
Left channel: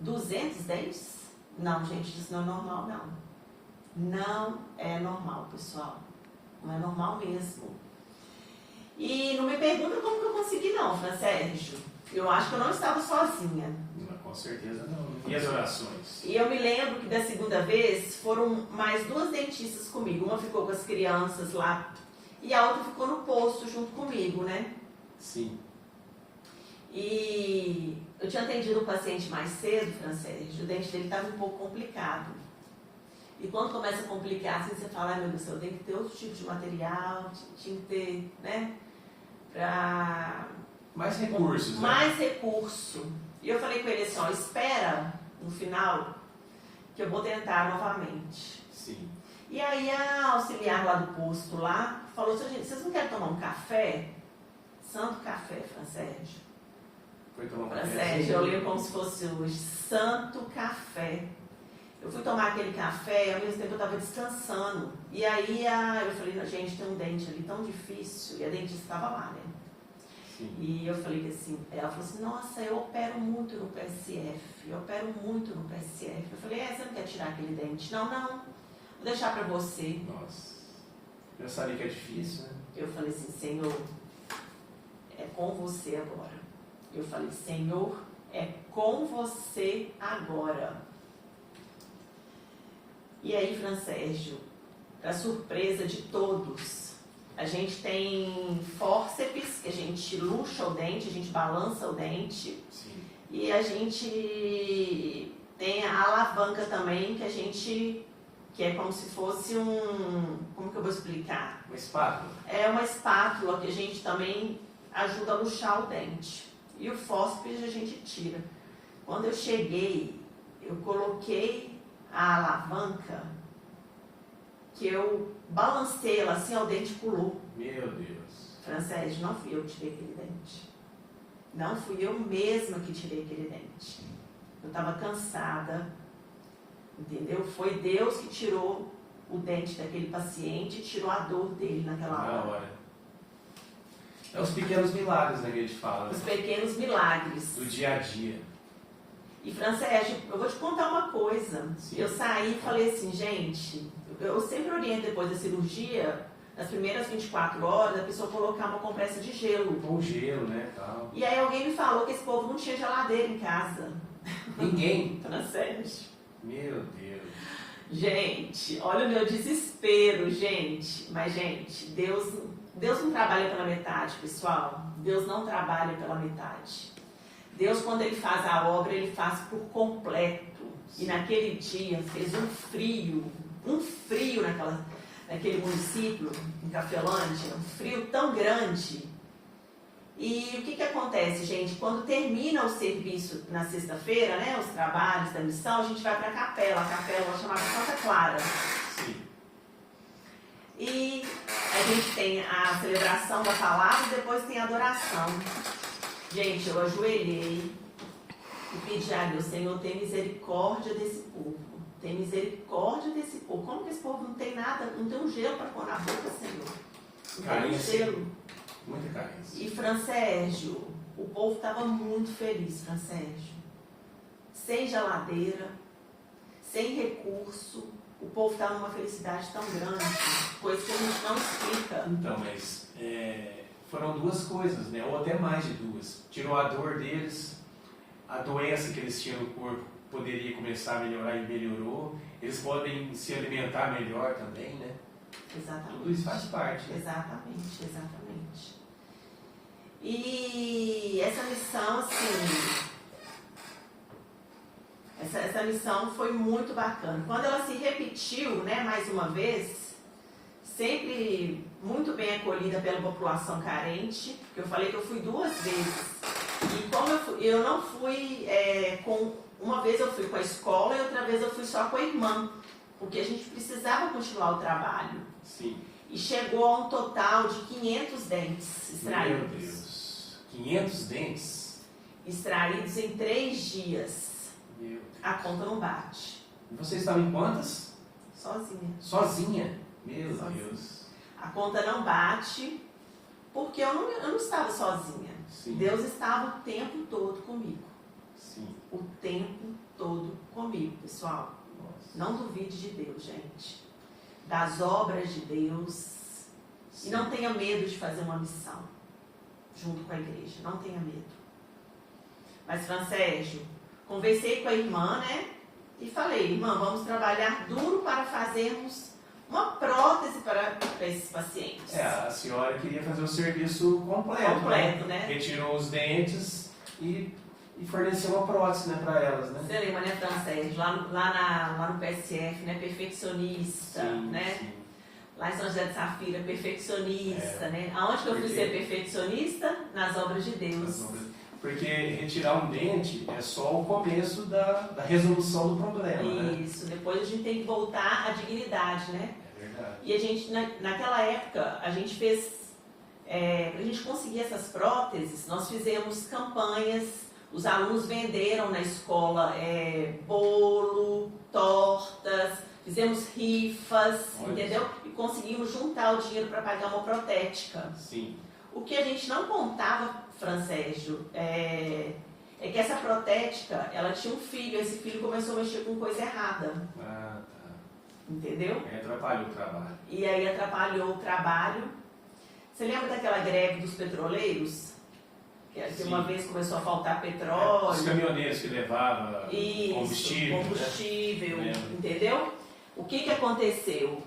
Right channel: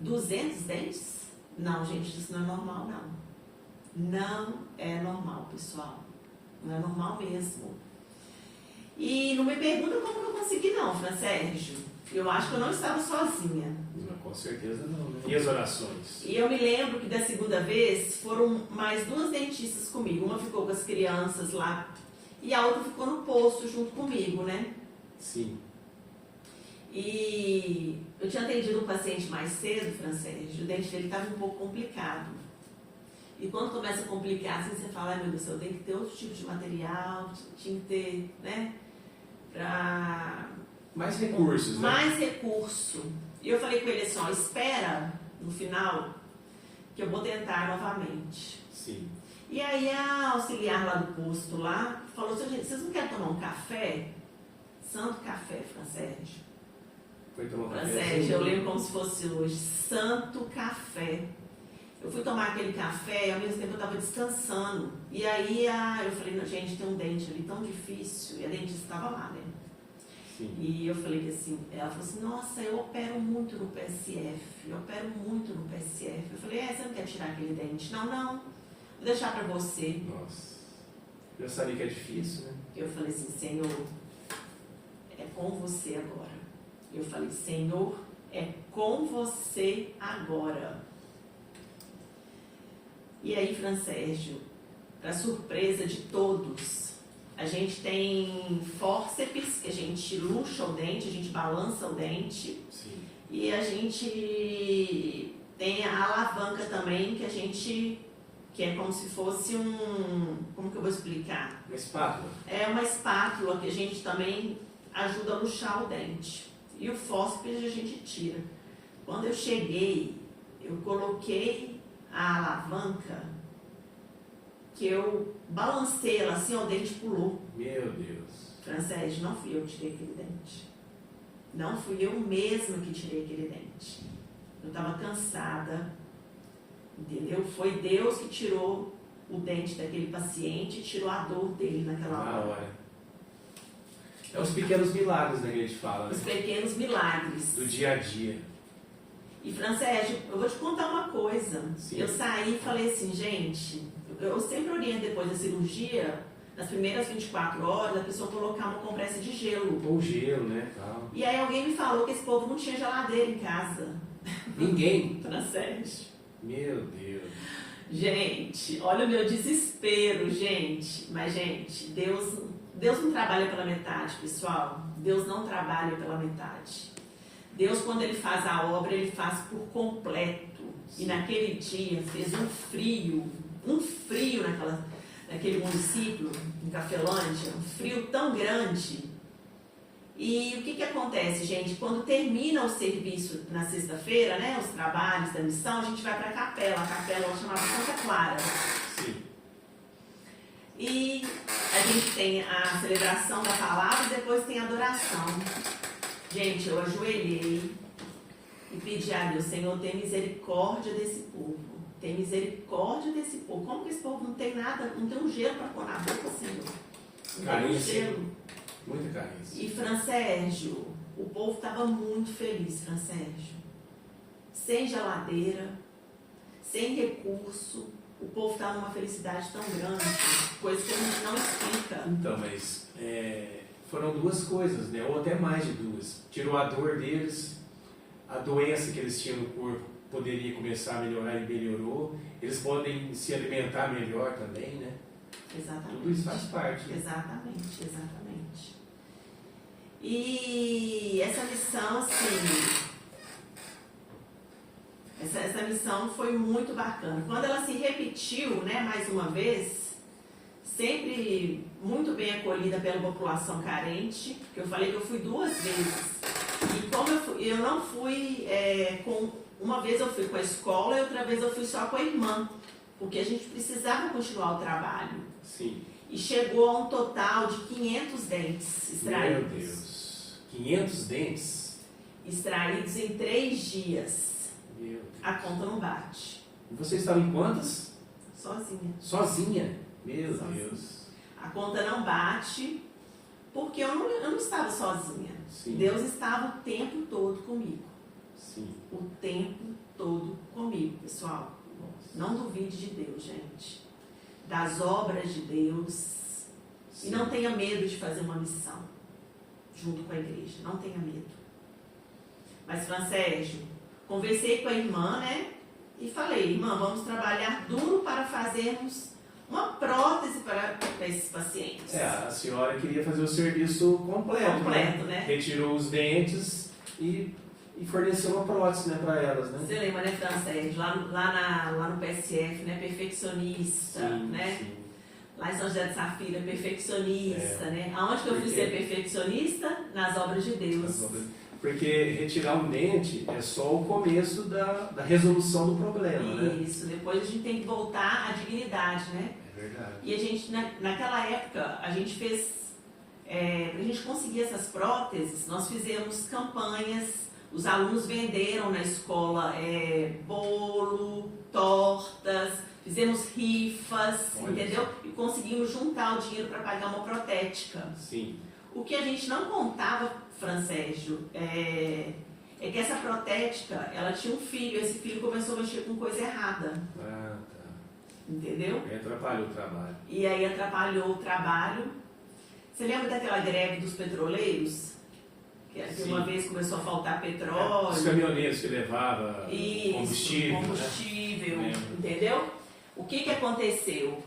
200 dentes? Não, gente, isso não é normal, não. Não é normal, pessoal. Não é normal mesmo. E não me pergunta como que eu consegui, não, Francésio. Eu acho que eu não estava sozinha. Com certeza não, né? E as orações? E eu me lembro que da segunda vez foram mais 2 dentistas comigo. Uma ficou com as crianças lá e a outra ficou no posto junto comigo, né? Sim. E eu tinha atendido o paciente mais cedo, Francésio, o dente dele estava um pouco complicado. E quando começa a complicar, assim, você fala, ai meu Deus do céu, tem que ter outro tipo de material, tinha que ter, né? Mais recursos, né? Mais recurso. E eu falei com ele assim, ó, espera no final que eu vou tentar novamente. Sim. E aí a auxiliar lá do posto lá falou assim, gente, vocês não querem tomar um café? Santo café, Francésio. Foi tomar um café? Francésio, eu lembro como se fosse hoje. Santo café. Eu fui tomar aquele café e ao mesmo tempo eu estava descansando. E aí eu falei, gente, tem um dente ali tão difícil. E a dentista estava lá, né? Sim. E eu falei que assim, ela falou assim, nossa, eu opero muito no PSF. Eu opero muito no PSF. Eu falei, você não quer tirar aquele dente? Não, vou deixar para você. Nossa. Eu sabia que é difícil, né? Eu falei assim, Senhor, é com você agora. Eu falei, Senhor, é com você agora. E aí, Francésio, para surpresa de todos, a gente tem fórceps, que a gente luxa o dente, a gente balança o dente. Sim. E a gente tem a alavanca também, que é como se fosse como que eu vou explicar? Uma espátula? É uma espátula que a gente também ajuda a luxar o dente. E o fórceps a gente tira. Quando eu cheguei, eu coloquei a alavanca, que eu balancei ela assim, o dente pulou. Meu Deus. Francésio, não fui eu que tirei aquele dente. Não fui eu mesma que tirei aquele dente. Eu estava cansada, entendeu? Foi Deus que tirou o dente daquele paciente, tirou a dor dele naquela hora. Na hora. É os pequenos milagres, né, que a gente fala, Os né? pequenos milagres. Do dia a dia. E, Francérgio, eu vou te contar uma coisa. Sim. Eu saí e falei assim, gente, eu sempre oriento depois da cirurgia, nas primeiras 24 horas, a pessoa colocar uma compressa de gelo. Ou gelo, né, tal. E aí alguém me falou que esse povo não tinha geladeira em casa. Ninguém. Francérgio. Meu Deus. Gente, olha o meu desespero, gente. Mas, gente, Deus não trabalha pela metade, pessoal. Deus não trabalha pela metade. Deus, quando Ele faz a obra, Ele faz por completo. E naquele dia fez um frio naquele município, em Cafelândia, um frio tão grande. E o que acontece, gente? Quando termina o serviço na sexta-feira, né, os trabalhos da missão, a gente vai para a capela chamada Santa Clara. Sim. E a gente tem a celebração da palavra e depois tem a adoração. Gente, eu ajoelhei e pedi a Deus, Senhor, tem misericórdia desse povo. Tem misericórdia desse povo. Como que esse povo não tem nada, não tem um gelo para pôr na boca, Senhor? Não tem um Carência. gelo. Muita carência. E Francérgio, o povo estava muito feliz, Francérgio. Sem geladeira, sem recurso, o povo estava numa felicidade tão grande, coisa que a gente não explica. Então, mas foram duas coisas, né? Ou até mais de duas. Tirou a dor deles, a doença que eles tinham no corpo poderia começar a melhorar e melhorou. Eles podem se alimentar melhor também, né? Exatamente. Tudo isso faz parte. Exatamente, exatamente. E essa missão, assim, essa missão foi muito bacana. Quando ela se repetiu, né, mais uma vez, sempre muito bem acolhida pela população carente, porque eu falei que eu fui 2 vezes. E como eu não fui uma vez eu fui com a escola e outra vez eu fui só com a irmã, porque a gente precisava continuar o trabalho. Sim. E chegou a um total de 500 dentes extraídos. Meu Deus. 500 dentes? Extraídos em 3 dias. Meu Deus. A conta não bate. E você estava em quantas? Sozinha. Sozinha? Meu Sozinha. Deus. A conta não bate porque eu não estava sozinha. Sim. Deus estava o tempo todo comigo. Sim. O tempo todo comigo, pessoal. Nossa. Não duvide de Deus, gente. Das obras de Deus. Sim. E não tenha medo de fazer uma missão junto com a igreja. Não tenha medo. Mas, Francérgio, conversei com a irmã, né? E falei, irmã, vamos trabalhar duro para fazermos uma prótese para esses pacientes. A senhora queria fazer o serviço completo, né? Retirou os dentes e forneceu uma prótese, né, para elas, né? Você lembra, né, Francérgio? Lá no PSF, né? Perfeccionista, Sim, né? sim. Lá em São José de Safira, perfeccionista, né? Aonde que eu fui ser perfeccionista? Nas obras de Deus. Porque retirar um dente é só o começo da resolução do problema, né? Isso, depois a gente tem que voltar à dignidade, né? É verdade. E a gente, naquela época, a gente fez, para a gente conseguir essas próteses, nós fizemos campanhas, os alunos venderam na escola bolo, tortas, fizemos rifas, Olha. entendeu? E conseguimos juntar o dinheiro para pagar uma protética. Sim. O que a gente não contava, Francérgio, é que essa protética, ela tinha um filho, esse filho começou a mexer com coisa errada, Ah, tá. entendeu? Aí atrapalhou o trabalho. E aí atrapalhou o trabalho. Você lembra daquela greve dos petroleiros? Que uma vez começou a faltar petróleo. Os caminhoneiros que levavam combustível, né? Entendeu? O que aconteceu?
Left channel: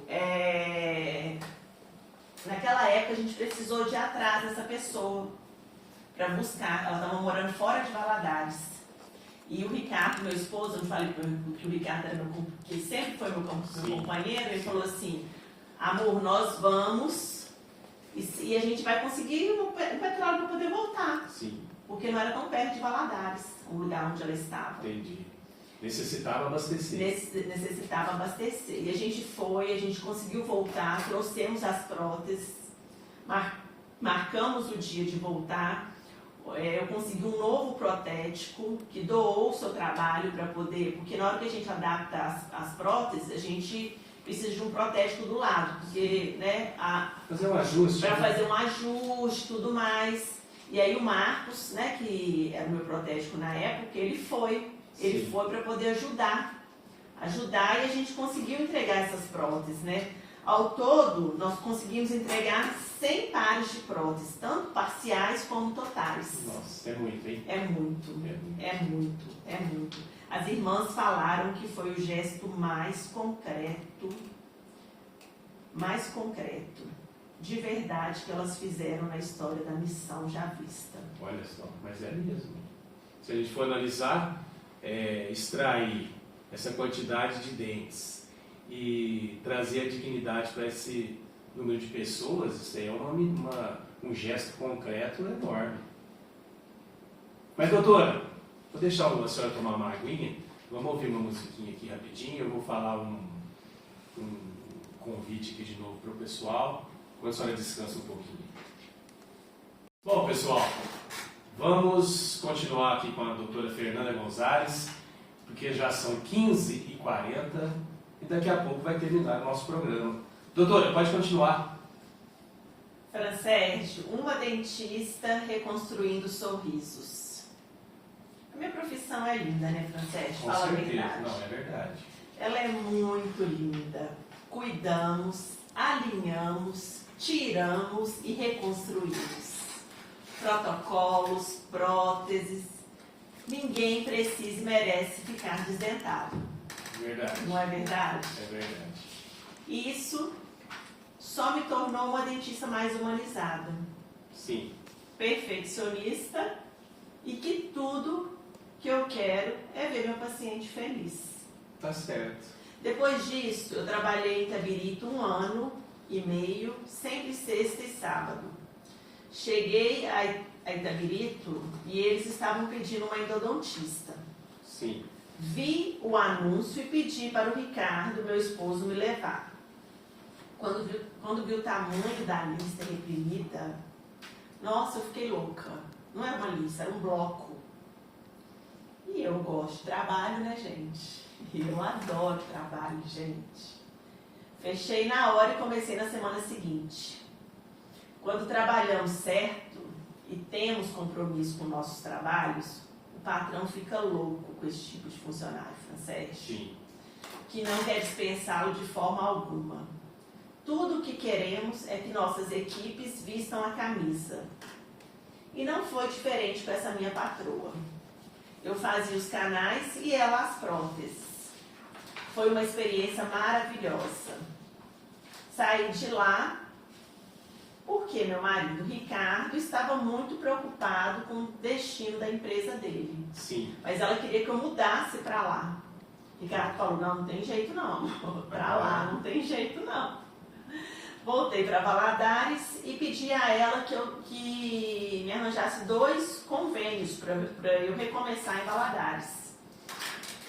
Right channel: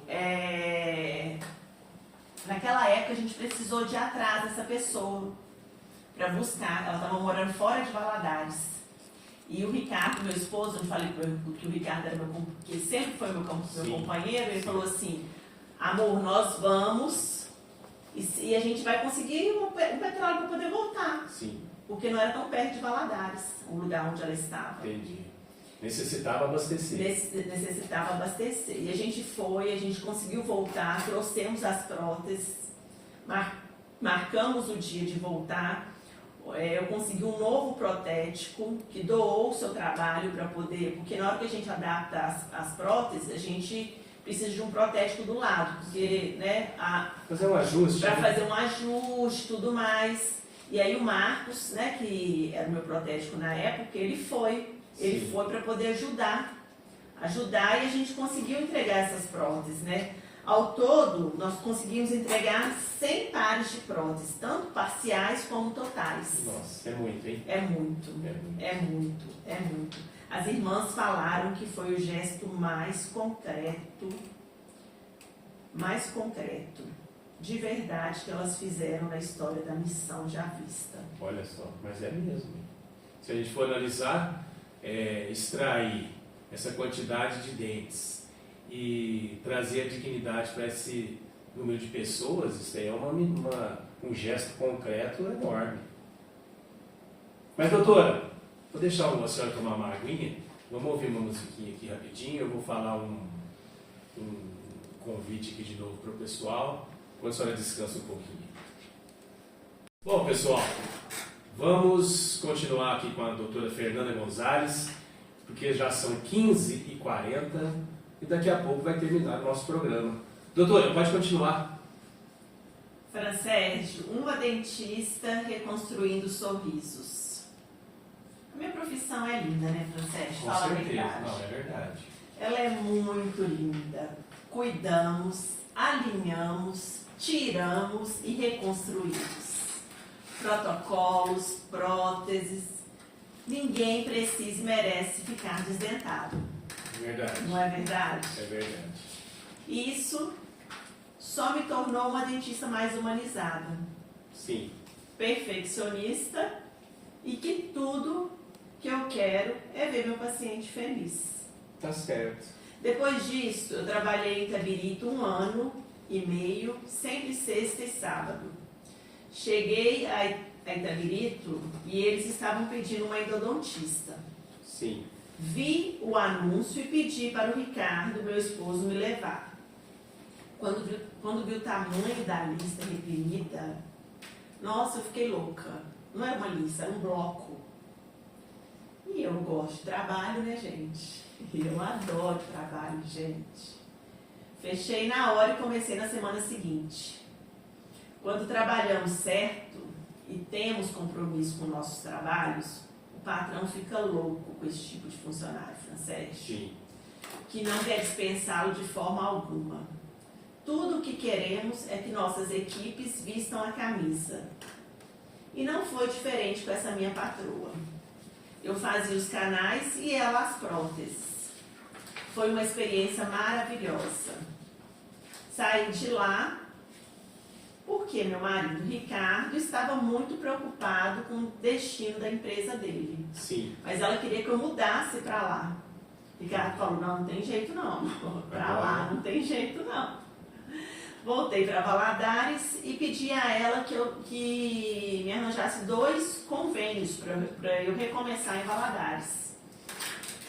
Naquela época a gente precisou de ir atrás dessa pessoa para buscar. Ela estava morando fora de Valadares. E o Ricardo, meu esposo, eu falei que o Ricardo era que ele sempre foi meu companheiro, ele falou assim, amor, nós vamos e a gente vai conseguir um petróleo para poder voltar. Sim. Porque não era tão perto de Valadares, o lugar onde ela estava. Entendi. Necessitava abastecer. Necessitava abastecer. E a gente foi, a gente conseguiu voltar, trouxemos as próteses, marcamos o dia de voltar. Eu consegui um novo protético que doou o seu trabalho para poder, porque na hora que a gente adapta as próteses, a gente precisa de um protético do lado, porque, né, fazer um ajuste. para fazer um ajuste, tudo mais. E aí o Marcos, né, que era o meu protético na época, ele foi para poder ajudar e a gente conseguiu entregar essas próteses, né? Ao todo, nós conseguimos entregar 100 pares de próteses, tanto parciais como totais. Nossa, é muito, hein? É muito. As irmãs falaram que foi o gesto mais concreto, de verdade, que elas fizeram na história da missão já vista. Olha só, mas é mesmo. Se a gente for analisar, extrair essa quantidade de dentes e trazer a dignidade para esse número de pessoas, isso aí é um gesto concreto enorme. Mas, doutora, vou deixar a senhora tomar uma aguinha, vamos ouvir uma musiquinha aqui rapidinho, eu vou falar um convite aqui de novo para o pessoal, quando a senhora descansa um pouquinho. Bom, pessoal, vamos continuar aqui com a doutora Fernanda Gonzalez, porque já são 15h40 e daqui a pouco vai terminar o nosso programa. Doutora, pode continuar. Fransérgio, uma dentista reconstruindo sorrisos. A minha profissão é linda, né, Fransérgio? Com certeza, não, é verdade. Ela é muito linda. Cuidamos, alinhamos, tiramos e reconstruímos. Protocolos, próteses. Ninguém precisa e merece ficar desdentado. Verdade. Não é verdade? É verdade. Isso só me tornou uma dentista mais humanizada. Sim. Perfeccionista e que tudo que eu quero é ver meu paciente feliz. Tá certo. Depois disso, eu trabalhei em Itabirito 1 ano e meio, sempre sexta e sábado. Cheguei a Itabirito e eles estavam pedindo uma endodontista. Sim. Vi o anúncio e pedi para o Ricardo, meu esposo, me levar. Quando vi o tamanho da lista reprimida, nossa, eu fiquei louca. Não era uma lista, era um bloco. E eu gosto de trabalho, né, gente? Eu adoro trabalho, gente. Fechei na hora e comecei na semana seguinte. Quando trabalhamos certo e temos compromisso com nossos trabalhos, o patrão fica louco com esse tipo de funcionário, Fransérgio. Sim. Que não quer dispensá-lo de forma alguma. Tudo o que queremos é que nossas equipes vistam a camisa. E não foi diferente com essa minha patroa. Eu fazia os canais e ela as próteses. Foi uma experiência maravilhosa. Saí de lá porque meu marido, Ricardo, estava muito preocupado com o destino da empresa dele. Sim. Mas ela queria que eu mudasse para lá. Ricardo falou, não tem jeito não. Para lá não tem jeito não. Voltei para Valadares e pedi a ela que me arranjasse 2 convênios para eu recomeçar em Valadares.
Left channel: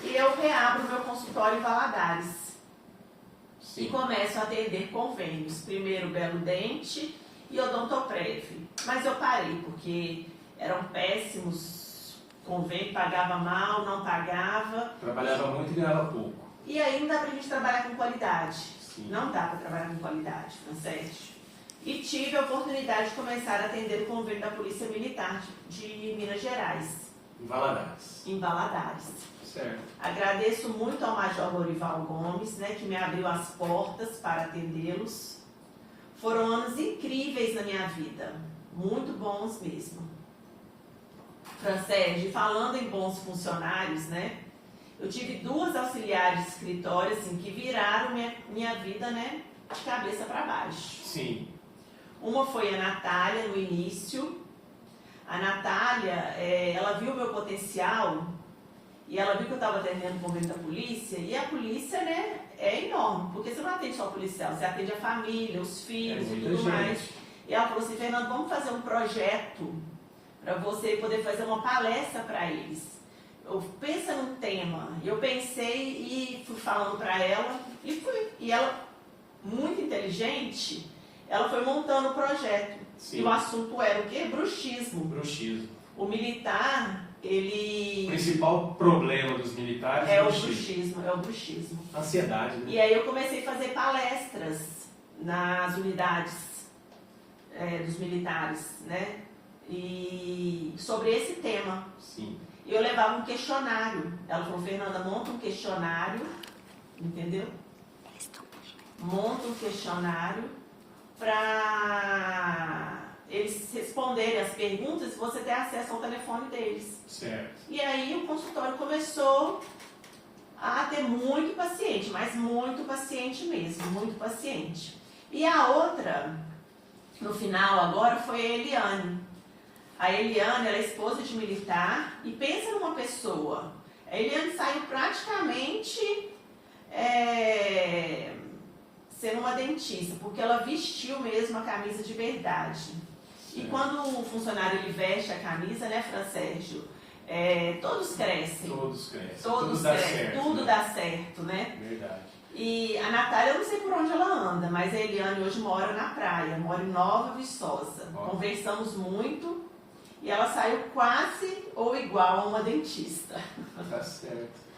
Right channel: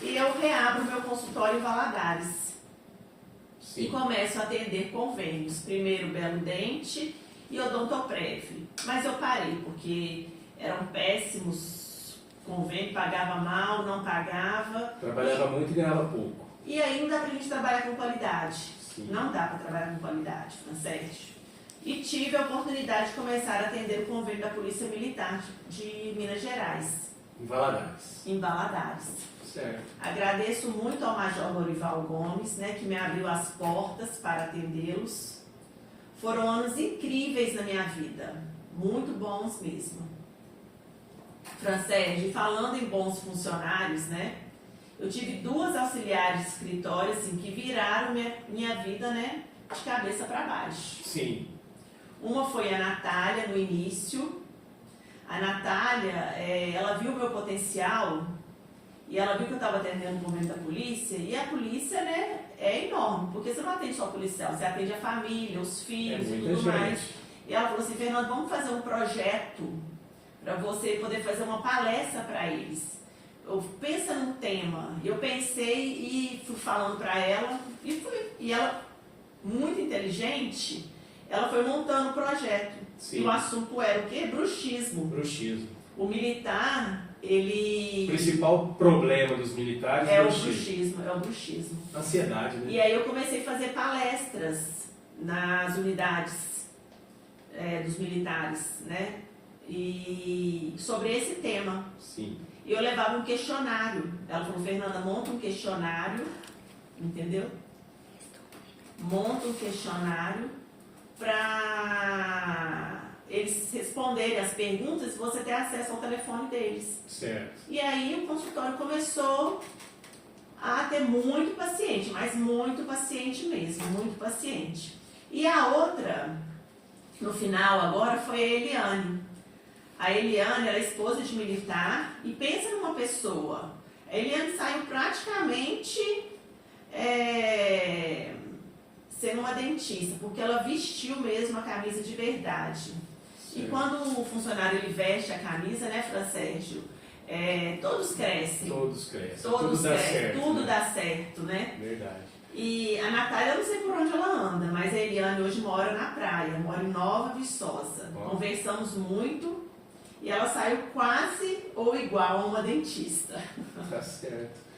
E eu reabro meu consultório em Valadares. Sim. E começo a atender convênios. Primeiro Belo Dente e Odontoprev. Mas eu parei, porque eram péssimos convênios, pagava mal, não pagava. Trabalhava muito e ganhava pouco. E aí não dá pra gente trabalhar com qualidade. Sim. Não dá para trabalhar com qualidade, Fransérgio. E tive a oportunidade de começar a atender o convênio da Polícia Militar de Minas Gerais. Em Valadares. Em Valadares. Certo. Agradeço muito ao Major Lorival Gomes, né, que me abriu as portas para atendê-los. Foram anos incríveis na minha vida. Muito bons mesmo. Fransérgio, falando em bons funcionários, né? Eu tive 2 auxiliares de escritório assim, que viraram minha vida, né, de cabeça para baixo. Sim. Uma foi a Natália, no início. A Natália, ela viu o meu potencial e ela viu que eu estava atendendo o convênio da polícia. E a polícia, né, é enorme, porque você não atende só o policial, você atende a família, os filhos e tudo mais. E ela falou assim, Fernando, vamos fazer um projeto para você poder fazer uma palestra para eles. Pensa num tema. Eu pensei e fui falando para ela e fui. E ela, muito inteligente, ela foi montando o projeto. Sim. E o assunto era o quê? Bruxismo. Bruxismo. O militar O ele principal problema dos militares é é o bruxismo. Ansiedade, né? E aí eu comecei a fazer palestras nas unidades dos militares, né? E sobre esse tema. Sim. E eu levava um questionário. Ela falou, Fernanda, monta um questionário, entendeu? Monta um questionário para eles responderem as perguntas e você ter acesso ao telefone deles. Certo. E aí o consultório começou a ter muito paciente, mas muito paciente mesmo, muito paciente. E a outra, no final agora, foi a Eliane. A Eliane, ela é esposa de militar e pensa numa pessoa. A Eliane saiu praticamente sendo uma dentista, porque ela vestiu mesmo a camisa de verdade. E quando o funcionário ele veste a camisa, né, Fran Sérgio? Todos crescem. Todos crescem. Todos tudo dá crescem. certo. Tudo né? dá certo, né? Verdade. E a Natália, eu não sei por onde ela anda, mas a Eliane hoje mora na praia, mora em Nova Viçosa. Ó. Conversamos muito e ela saiu quase ou igual a uma dentista. Tá certo.